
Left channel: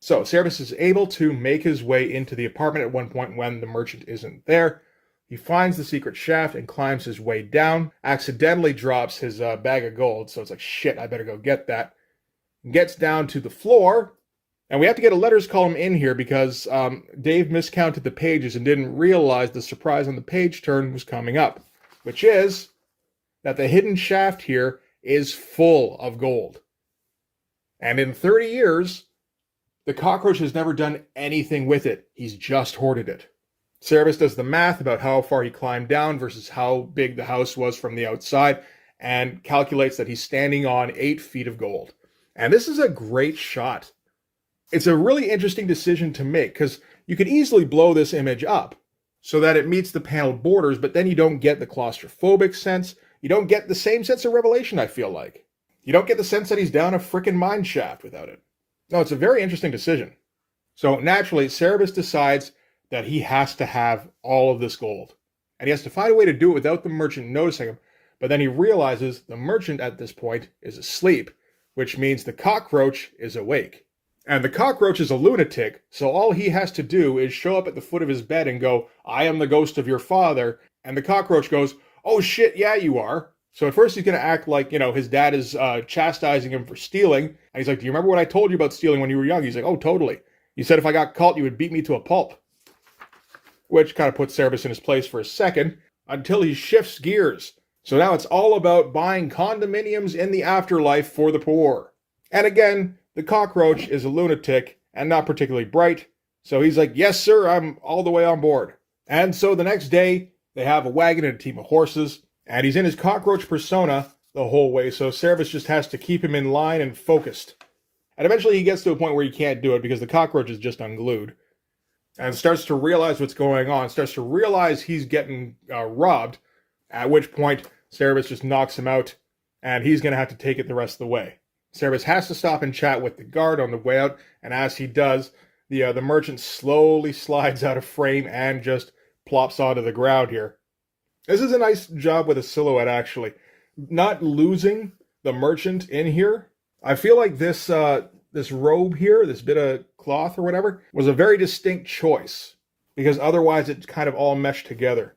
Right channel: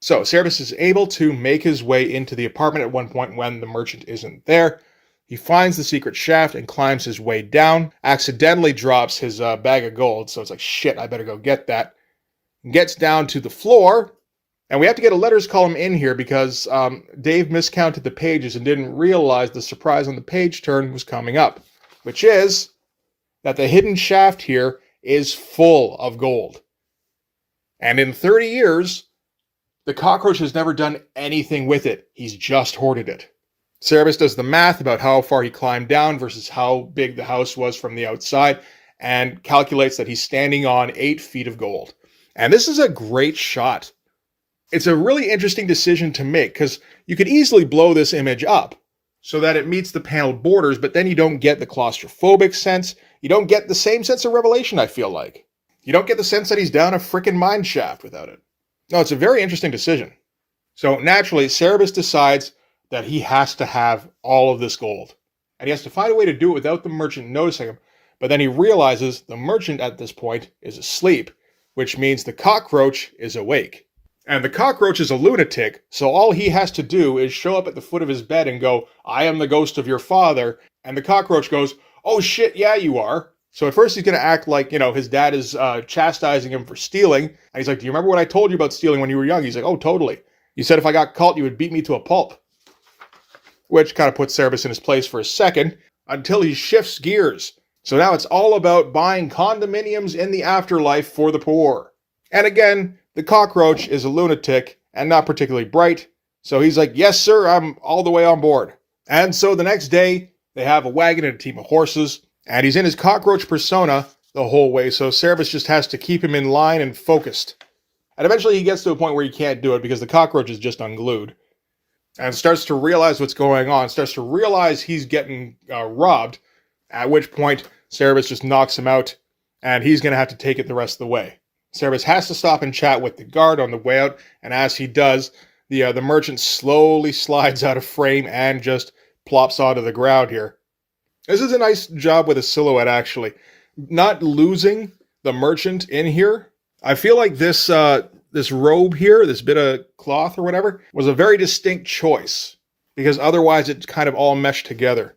So Cerebus is able to make his way into the apartment at one point when the merchant isn't there. He finds the secret shaft and climbs his way down, accidentally drops his bag of gold, so it's like, shit, I better go get that. Gets down to the floor, and we have to get a letters column in here because Dave miscounted the pages and didn't realize the surprise on the page turn was coming up, which is that the hidden shaft here is full of gold. And in 30 years, the cockroach has never done anything with it. He's just hoarded it. Cerebus does the math about how far he climbed down versus how big the house was from the outside and calculates that he's standing on 8 feet of gold. And this is a great shot. It's a really interesting decision to make because you could easily blow this image up so that it meets the panel borders, but then you don't get the claustrophobic sense. You don't get the same sense of revelation, I feel like. You don't get the sense that he's down a frickin' mine shaft without it. No, it's a very interesting decision. So naturally, Cerebus decides that he has to have all of this gold. And he has to find a way to do it without the merchant noticing him. But then he realizes the merchant at this point is asleep, which means the cockroach is awake. And the cockroach is a lunatic, so all he has to do is show up at the foot of his bed and go, I am the ghost of your father. And the cockroach goes, oh shit, yeah, you are. So at first he's going to act like, his dad is chastising him for stealing. And he's like, do you remember what I told you about stealing when you were young? He's like, oh, totally. You said if I got caught, you would beat me to a pulp. Which kind of puts Cerebus in his place for a second, until he shifts gears. So now it's all about buying condominiums in the afterlife for the poor. And again, the cockroach is a lunatic and not particularly bright. So he's like, yes, sir, I'm all the way on board. And so the next day, they have a wagon and a team of horses, and he's in his cockroach persona the whole way. So Cerebus just has to keep him in line and focused. And eventually he gets to a point where he can't do it because the cockroach is just unglued. And starts to realize what's going on, starts to realize he's getting robbed, at which point Cerebus just knocks him out, and he's going to have to take it the rest of the way. Cerebus has to stop and chat with the guard on the way out, and as he does, the merchant slowly slides out of frame and just plops onto the ground here. This is a nice job with a silhouette, actually. Not losing the merchant in here. I feel like this robe here, this bit of cloth or whatever, was a very distinct choice, because otherwise it kind of all meshed together.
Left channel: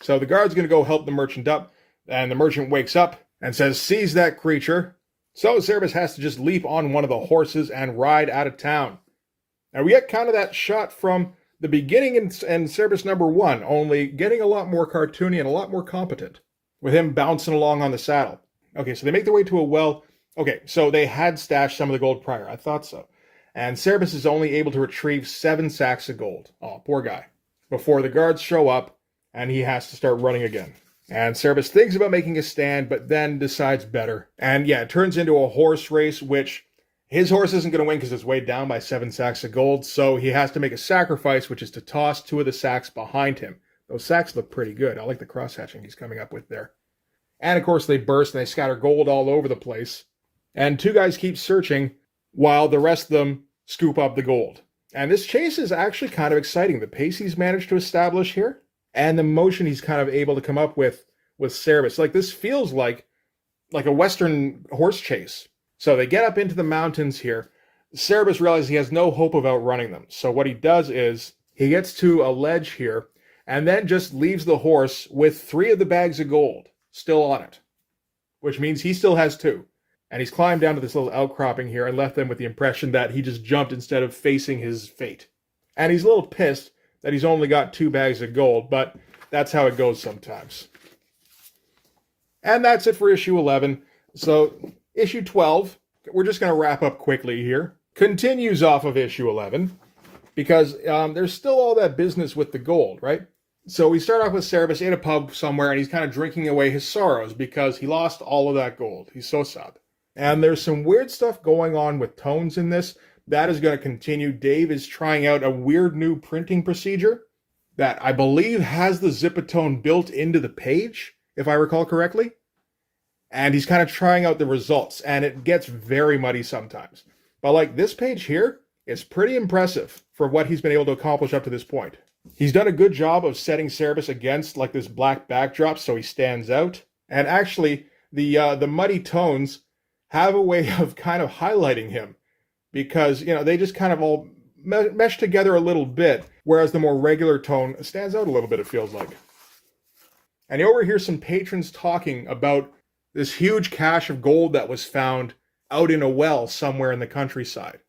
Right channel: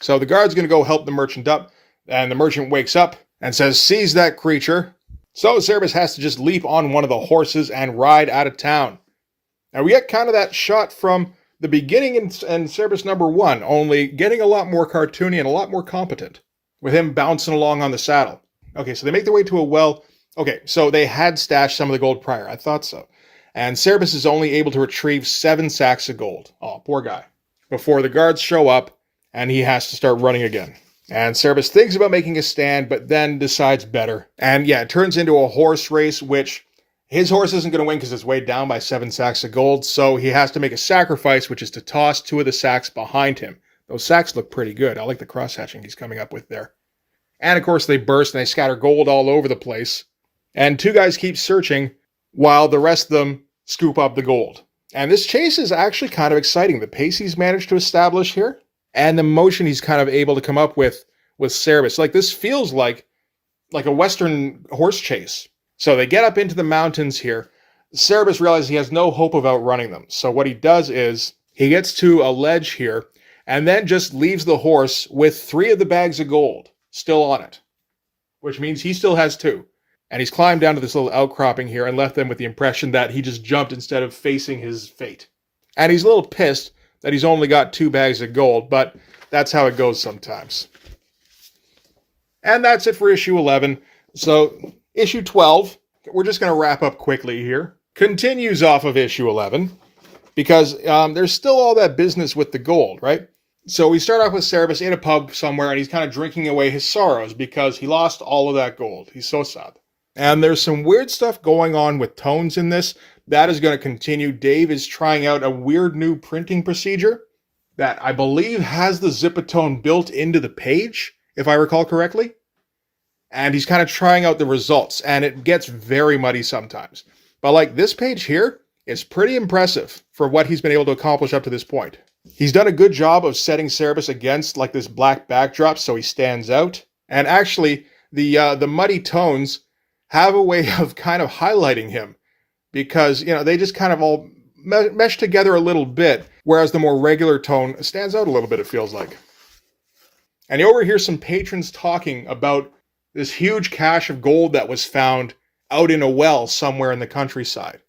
So the guard's going to go help the merchant up, and the merchant wakes up and says, seize that creature. So Cerebus has to just leap on one of the horses and ride out of town. Now we get kind of that shot from the beginning in Cerebus number 1, only getting a lot more cartoony and a lot more competent, with him bouncing along on the saddle. Okay, so they make their way to a well. Okay, so they had stashed some of the gold prior. I thought so. And Cerebus is only able to retrieve 7 sacks of gold. Oh, poor guy. Before the guards show up, and he has to start running again. And Cerebus thinks about making a stand, but then decides better. And yeah, it turns into a horse race, which his horse isn't going to win because it's weighed down by 7 sacks of gold, so he has to make a sacrifice, which is to toss 2 of the sacks behind him. Those sacks look pretty good. I like the cross-hatching he's coming up with there. And of course they burst and they scatter gold all over the place. And 2 guys keep searching while the rest of them scoop up the gold. And this chase is actually kind of exciting. The pace he's managed to establish here, and the motion he's kind of able to come up with Cerebus. Like, this feels like a Western horse chase. So they get up into the mountains here. Cerebus realizes he has no hope of outrunning them. So what he does is he gets to a ledge here and then just leaves the horse with 3 of the bags of gold still on it, which means he still has 2. And he's climbed down to this little outcropping here and left them with the impression that he just jumped instead of facing his fate. And he's a little pissed that he's only got 2 bags of gold, but that's how it goes sometimes. And that's it for issue 11. So issue 12, we're just going to wrap up quickly here, continues off of issue 11, because there's still all that business with the gold, right? So we start off with Cerebus in a pub somewhere, and he's kind of drinking away his sorrows because he lost all of that gold. He's so sad. And there's some weird stuff going on with tones in this. That is going to continue. Dave is trying out a weird new printing procedure that I believe has the Zipatone built into the page, if I recall correctly. And he's kind of trying out the results, and it gets very muddy sometimes. But like this page here is pretty impressive for what he's been able to accomplish up to this point. He's done a good job of setting Cerebus against like this black backdrop so he stands out. And actually, the muddy tones have a way of kind of highlighting him, because, you know, they just kind of all mesh together a little bit, whereas the more regular tone stands out a little bit, it feels like. And you overhear some patrons talking about this huge cache of gold that was found out in a well somewhere in the countryside,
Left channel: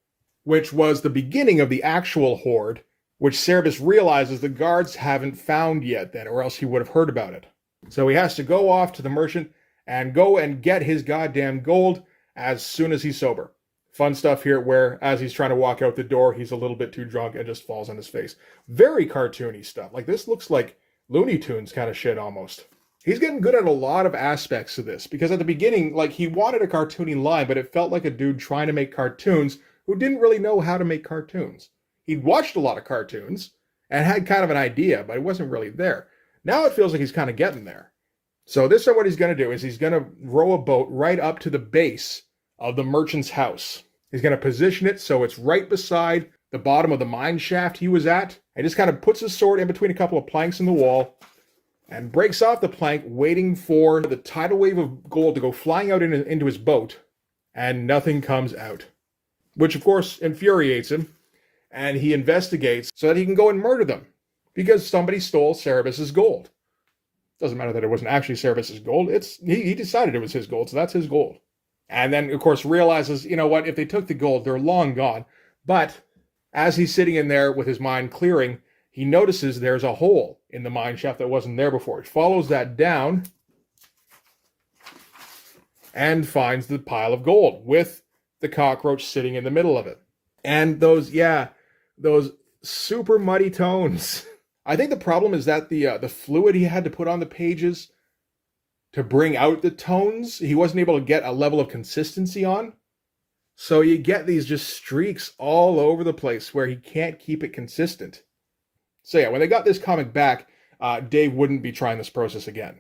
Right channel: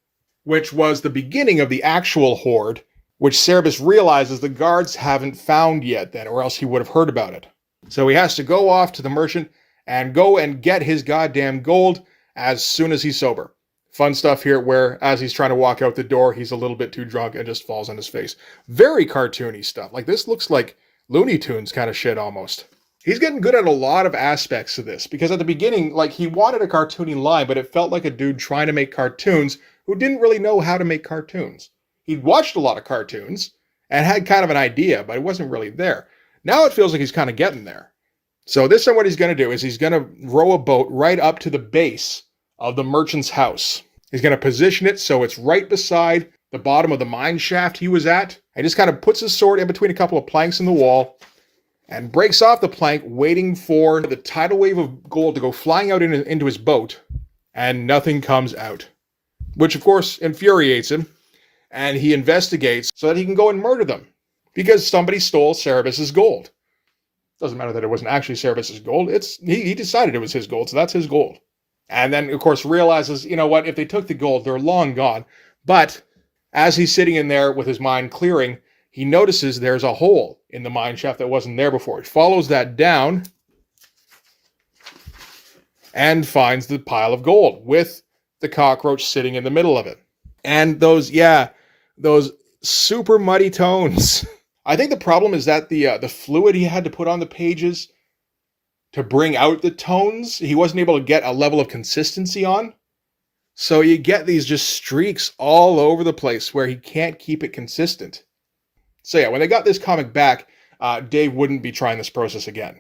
which was the beginning of the actual hoard, which Cerebus realizes the guards haven't found yet then, or else he would have heard about it. So he has to go off to the merchant and go and get his goddamn gold as soon as he's sober. Fun stuff here where, as he's trying to walk out the door, he's a little bit too drunk and just falls on his face. Very cartoony stuff. Like, this looks like Looney Tunes kind of shit almost. He's getting good at a lot of aspects of this, because at the beginning, like, he wanted a cartoony line, but it felt like a dude trying to make cartoons who didn't really know how to make cartoons. He'd watched a lot of cartoons and had kind of an idea, but it wasn't really there. Now it feels like he's kind of getting there. So this time what he's going to do is he's going to row a boat right up to the base of the merchant's house. He's going to position it so it's right beside the bottom of the mine shaft he was at. And just kind of puts his sword in between a couple of planks in the wall and breaks off the plank, waiting for the tidal wave of gold to go flying out into his boat. And nothing comes out, which of course infuriates him. And he investigates so that he can go and murder them, because somebody stole Cerebus's gold. Doesn't matter that it wasn't actually Cerebus's gold. He decided it was his gold, so that's his gold. And then, of course, realizes, you know what, if they took the gold, they're long gone. But as he's sitting in there with his mind clearing, he notices there's a hole in the mine shaft that wasn't there before. He follows that down and finds the pile of gold with the cockroach sitting in the middle of it. And those super muddy tones. I think the problem is that the fluid he had to put on the pages to bring out the tones, he wasn't able to get a level of consistency on. So you get these just streaks all over the place where he can't keep it consistent. So yeah, when they got this comic back, Dave wouldn't be trying this process again.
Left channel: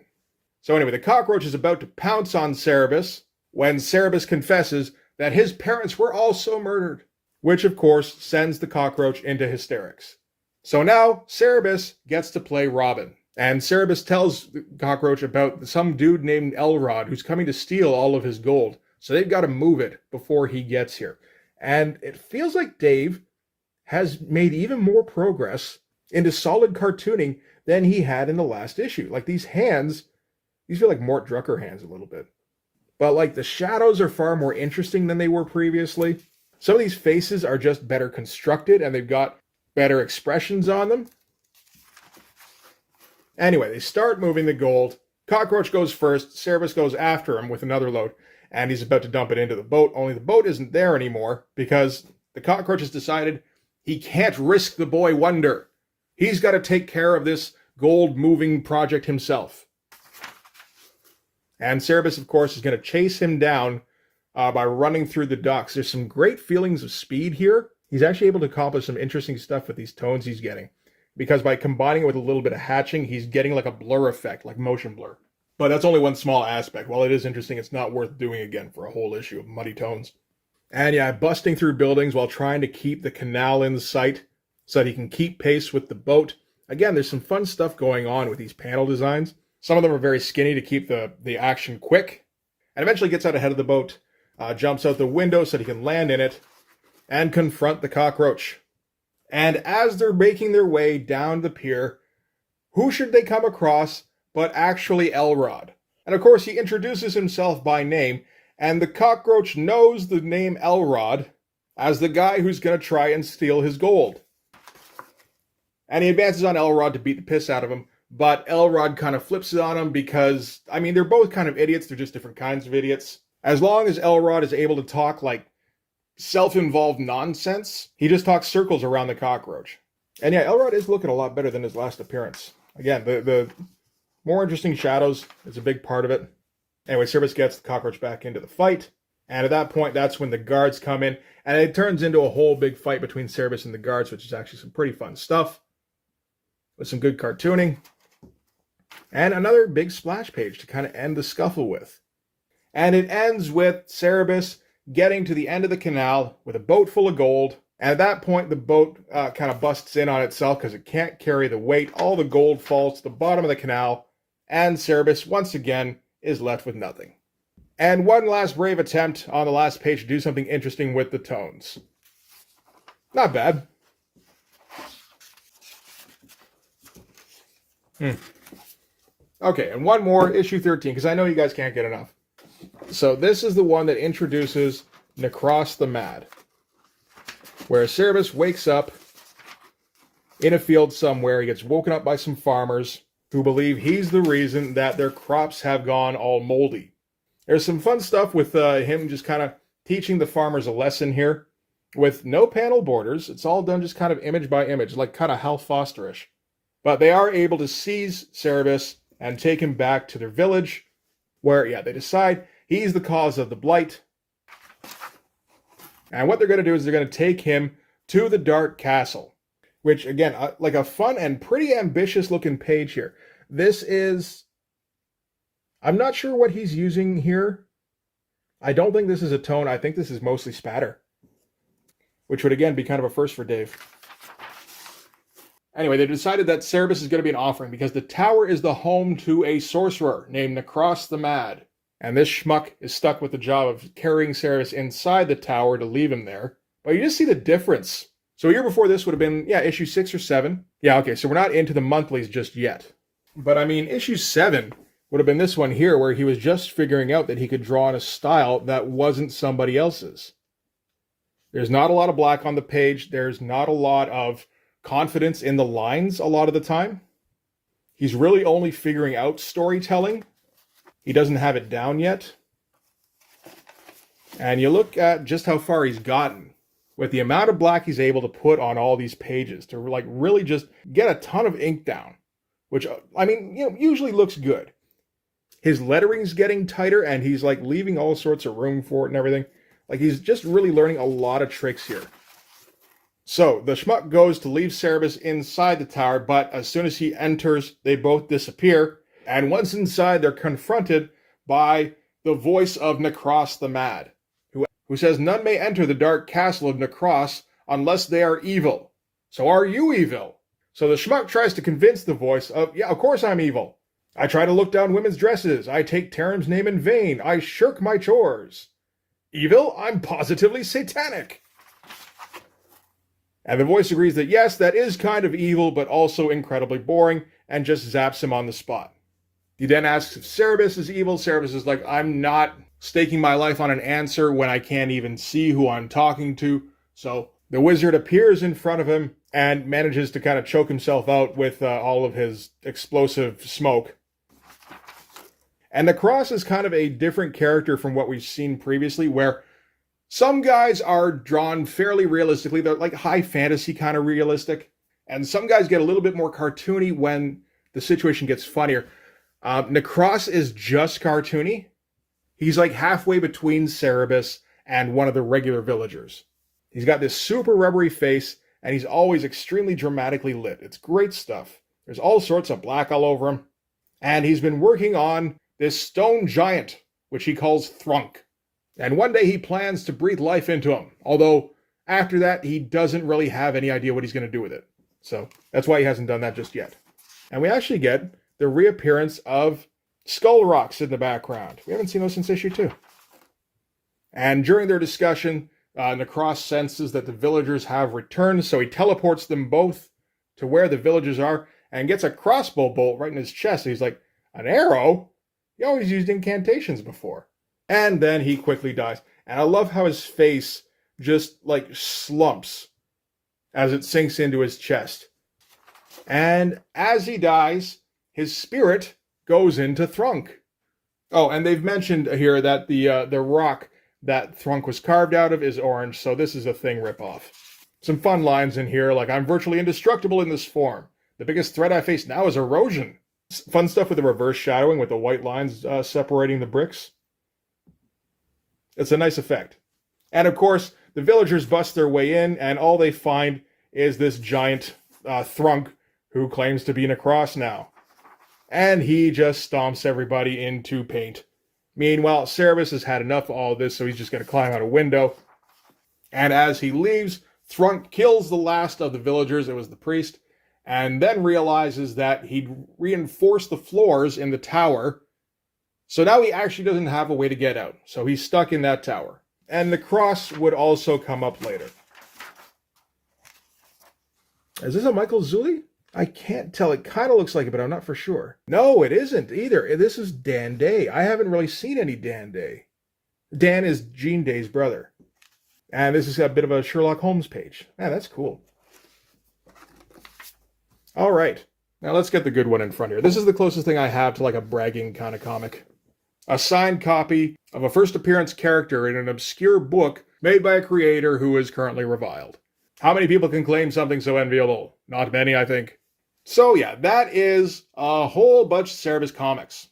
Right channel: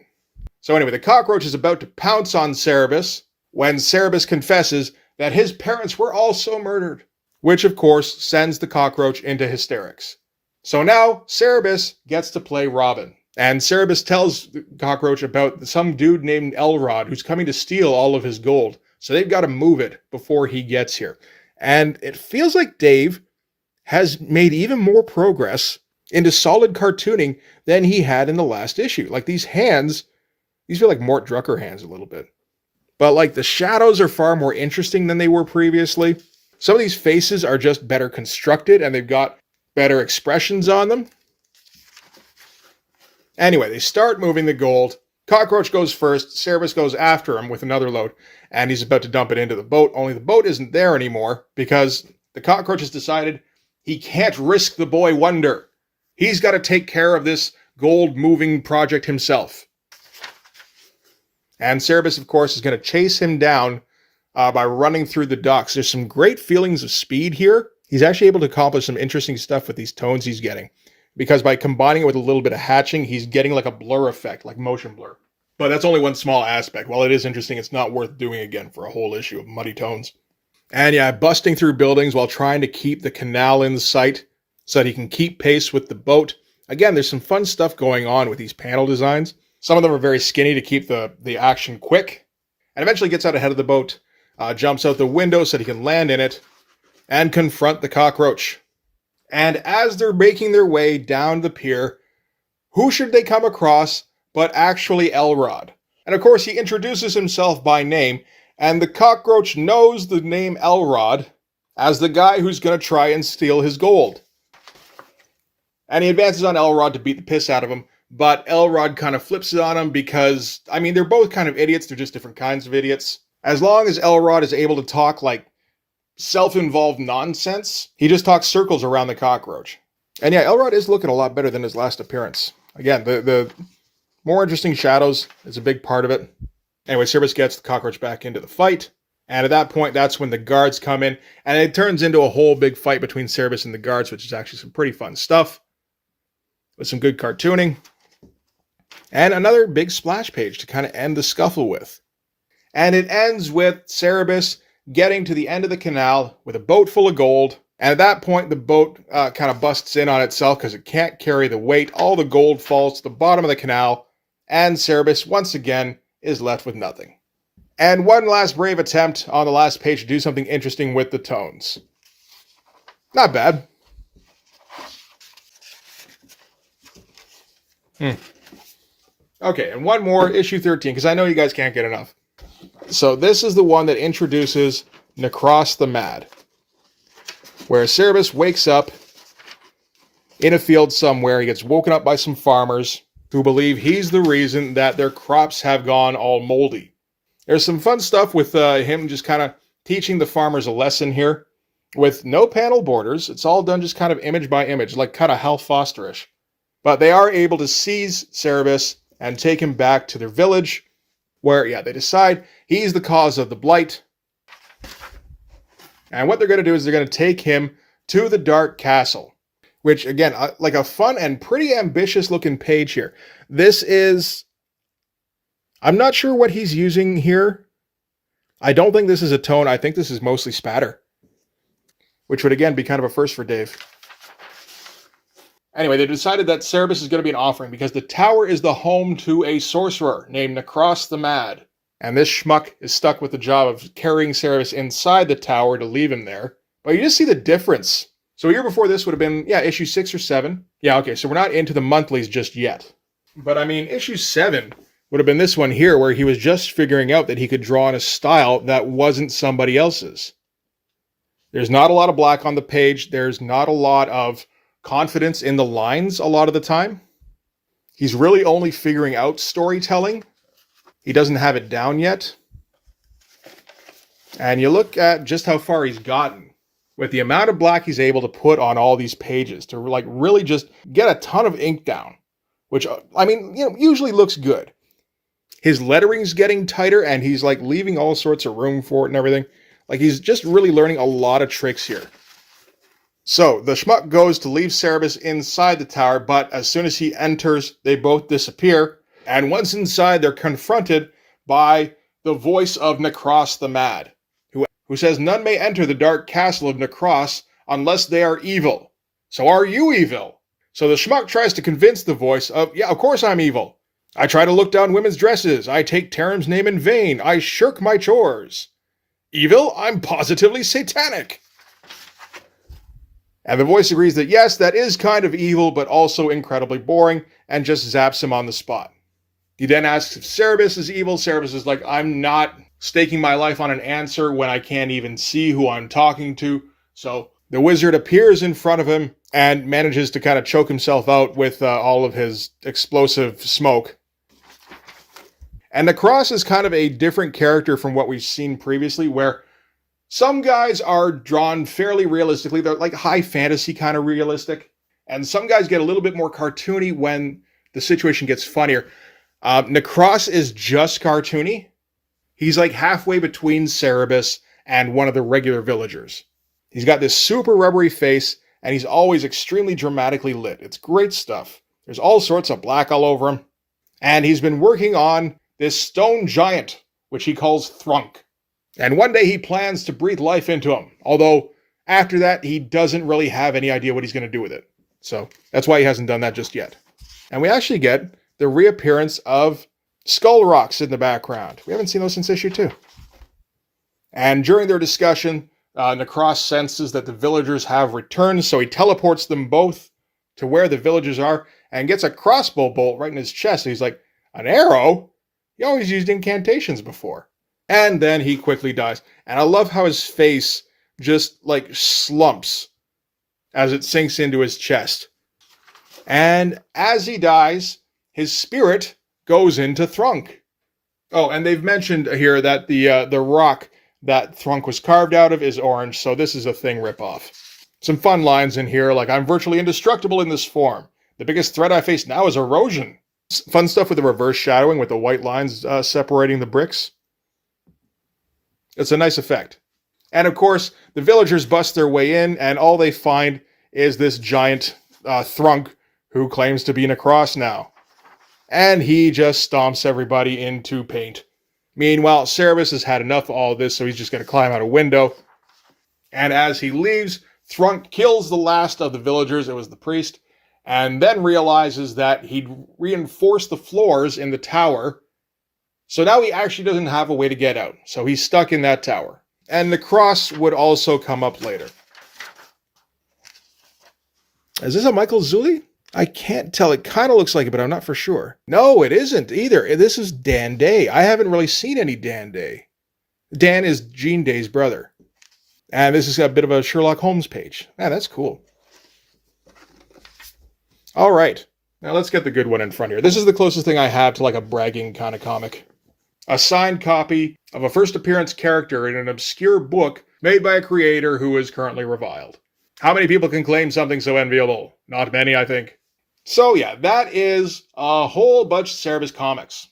So anyway, the cockroach is about to pounce on Cerebus when Cerebus confesses that his parents were also murdered, which of course sends the cockroach into hysterics. So now Cerebus gets to play Robin, and Cerebus tells the cockroach about some dude named Elrod who's coming to steal all of his gold. So they've got to move it before he gets here. And it feels like Dave has made even more progress into solid cartooning than he had in the last issue. Like these hands, these feel like Mort Drucker hands a little bit. But like the shadows are far more interesting than they were previously. Some of these faces are just better constructed and they've got better expressions on them. Anyway, they start moving the gold. Cockroach goes first. Cerebus goes after him with another load. And he's about to dump it into the boat, only the boat isn't there anymore because the cockroach has decided he can't risk the boy wonder. He's got to take care of this gold-moving project himself. And Cerebus, of course, is going to chase him down by running through the docks. There's some great feelings of speed here. He's actually able to accomplish some interesting stuff with these tones he's getting. Because by combining it with a little bit of hatching, he's getting like a blur effect, like motion blur. But that's only one small aspect. While it is interesting, it's not worth doing again for a whole issue of muddy tones. And yeah, busting through buildings while trying to keep the canal in sight so that he can keep pace with the boat. Again, there's some fun stuff going on with these panel designs. Some of them are very skinny to keep the action quick. And eventually gets out ahead of the boat, jumps out the window so that he can land in it, and confront the cockroach. And as they're making their way down the pier, who should they come across but actually Elrod? And of course, he introduces himself by name, and the cockroach knows the name Elrod as the guy who's going to try and steal his gold. And he advances on Elrod to beat the piss out of him, but Elrod kind of flips it on him because, I mean, they're both kind of idiots, they're just different kinds of idiots. As long as Elrod is able to talk like self-involved nonsense, he just talks circles around the cockroach. And yeah, Elrod is looking a lot better than his last appearance. Again, the more interesting shadows is a big part of it. Anyway, Cerebus gets the cockroach back into the fight. And at that point, that's when the guards come in. And it turns into a whole big fight between Cerebus and the guards, which is actually some pretty fun stuff. With some good cartooning. And another big splash page to kind of end the scuffle with. And it ends with Cerebus getting to the end of the canal with a boat full of gold. And at that point, the boat kind of busts in on itself because it can't carry the weight. All the gold falls to the bottom of the canal. And Cerebus, once again, is left with nothing. And one last brave attempt on the last page to do something interesting with the tones. Not bad. Okay, and one more, issue 13, because I know you guys can't get enough. So this is the one that introduces Necros the Mad, where Cerebus wakes up in a field somewhere. He gets woken up by some farmers who believe he's the reason that their crops have gone all moldy. There's some fun stuff with him just kind of teaching the farmers a lesson here with no panel borders. It's all done just kind of image by image, like kind of Hal Foster-ish. But they are able to seize Cerebus and take him back to their village where, yeah, they decide he's the cause of the blight. And what they're going to do is they're going to take him to the Dark Castle, which, again, like a fun and pretty ambitious looking page here. This is, I'm not sure what he's using here. I don't think this is a tone. I think this is mostly spatter, which would, again, be kind of a first for Dave. Anyway, they decided that Cerebus is going to be an offering because the tower is the home to a sorcerer named Necros the Mad. And this schmuck is stuck with the job of carrying Cerebus inside the tower to leave him there. But you just see the difference. So a year before this would have been, yeah, issue 6 or 7. Yeah, okay, so we're not into the monthlies just yet. But I mean, issue 7 would have been this one here where he was just figuring out that he could draw in a style that wasn't somebody else's. There's not a lot of black on the page. There's not a lot of confidence in the lines a lot of the time. He's really only figuring out storytelling. He doesn't have it down yet. And you look at just how far he's gotten with the amount of black he's able to put on all these pages to like really just get a ton of ink down, which, I mean, usually looks good. His lettering's getting tighter and he's like leaving all sorts of room for it and everything. Like he's just really learning a lot of tricks here. So the schmuck goes to leave Cerebus inside the tower, but as soon as he enters, they both disappear. And once inside, they're confronted by the voice of Necros the Mad, who says none may enter the dark castle of Necros unless they are evil. So are you evil? So the schmuck tries to convince the voice of, yeah, of course I'm evil. I try to look down women's dresses. I take Taram's name in vain. I shirk my chores. Evil? I'm positively satanic. And the voice agrees that yes, that is kind of evil, but also incredibly boring, and just zaps him on the spot. He then asks if Cerebus is evil. Cerebus is like, I'm not staking my life on an answer when I can't even see who I'm talking to. So the wizard appears in front of him and manages to kind of choke himself out with all of his explosive smoke. And Necros is kind of a different character from what we've seen previously, where some guys are drawn fairly realistically. They're like high fantasy kind of realistic. And some guys get a little bit more cartoony when the situation gets funnier. Necros is just cartoony. He's like halfway between Cerebus and one of the regular villagers. He's got this super rubbery face, and he's always extremely dramatically lit. It's great stuff. There's all sorts of black all over him. And he's been working on this stone giant, which he calls Thrunk. And one day he plans to breathe life into him. Although, after that, he doesn't really have any idea what he's going to do with it. So, that's why he hasn't done that just yet. And we actually get the reappearance of skull rocks in the background. We haven't seen those since issue 2. And during their discussion, Necros senses that the villagers have returned, so he teleports them both to where the villagers are and gets a crossbow bolt right in his chest. And he's like, an arrow? He always used incantations before. And then he quickly dies. And I love how his face just like slumps as it sinks into his chest. And as he dies, his spirit goes into Thrunk. Oh, and they've mentioned here that the rock that Thrunk was carved out of is orange, so this is a Thing ripoff. Some fun lines in here, like, I'm virtually indestructible in this form. The biggest threat I face now is erosion. Fun stuff with the reverse shadowing with the white lines separating the bricks. It's a nice effect. And of course, the villagers bust their way in, and all they find is this giant Thrunk who claims to be Necros now. And he just stomps everybody into paint. Meanwhile, Cerebus has had enough of all this, so he's just going to climb out a window. And as he leaves, Thrunk kills the last of the villagers. It was the priest. And then realizes that he'd reinforced the floors in the tower. So now he actually doesn't have a way to get out. So he's stuck in that tower. And Necros would also come up later. Is this a Michael Zulli? I can't tell. It kind of looks like it, but I'm not for sure. No, it isn't either. This is Dan Day. I haven't really seen any Dan Day. Dan is Jean Day's brother. And this is a bit of a Sherlock Holmes page. Man, that's cool. All right. Now let's get the good one in front here. This is the closest thing I have to like a bragging kind of comic. A signed copy of a first appearance character in an obscure book made by a creator who is currently reviled. How many people can claim something so enviable? Not many, I think. So yeah, that is a whole bunch of Cerebus comics.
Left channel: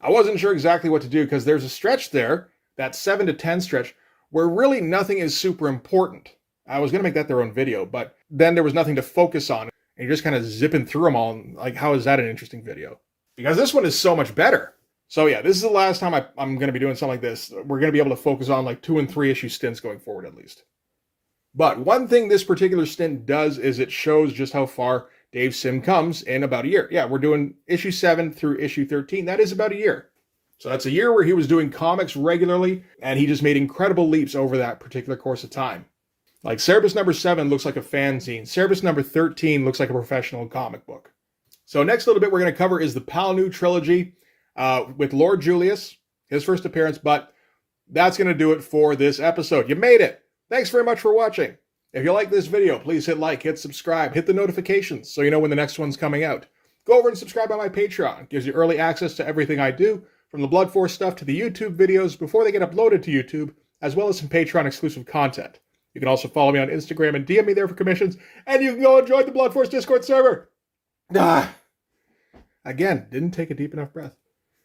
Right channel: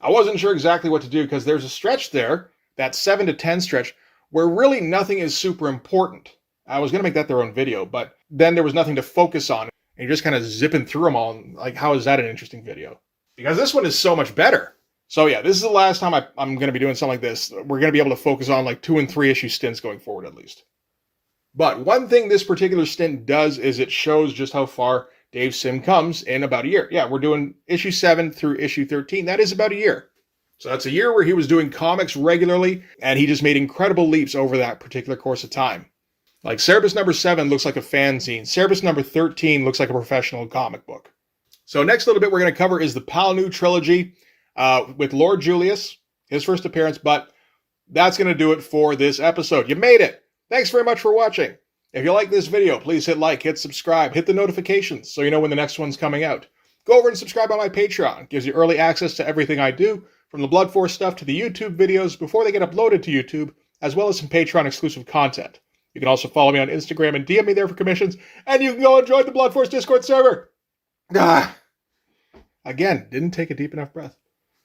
I wasn't sure exactly what to do because there's a stretch there, that 7 to 10 stretch, where really nothing is super important. I was going to make that their own video, but then there was nothing to focus on. And you're just kind of zipping through them all. Like, how is that an interesting video? Because this one is so much better. So yeah, this is the last time I'm going to be doing something like this. We're going to be able to focus on like 2 and 3 issue stints going forward at least. But one thing this particular stint does is it shows just how far Dave Sim comes in about a year. Yeah, we're doing issue 7 through issue 13. That is about a year. So that's a year where he was doing comics regularly, and he just made incredible leaps over that particular course of time. Like Cerebus number 7 looks like a fanzine. Cerebus number 13 looks like a professional comic book. So next little bit we're going to cover is the Palinur trilogy with Lord Julius, his first appearance, but that's going to do it for this episode. You made it! Thanks very much for watching. If you like this video, please hit like, hit subscribe, hit the notifications so you know when the next one's coming out. Go over and subscribe on my Patreon. It gives you early access to everything I do, from the Blood Force stuff to the YouTube videos before they get uploaded to YouTube, as well as some Patreon exclusive content. You can also follow me on Instagram and DM me there for commissions, and you can go and join the Blood Force Discord server. Again, didn't take a deep enough breath.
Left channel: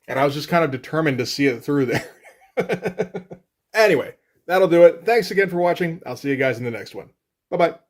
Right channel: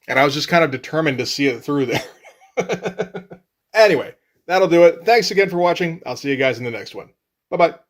And I was just kind of determined to see it through there. Anyway, that'll do it. Thanks again for watching. I'll see you guys in the next one. Bye-bye.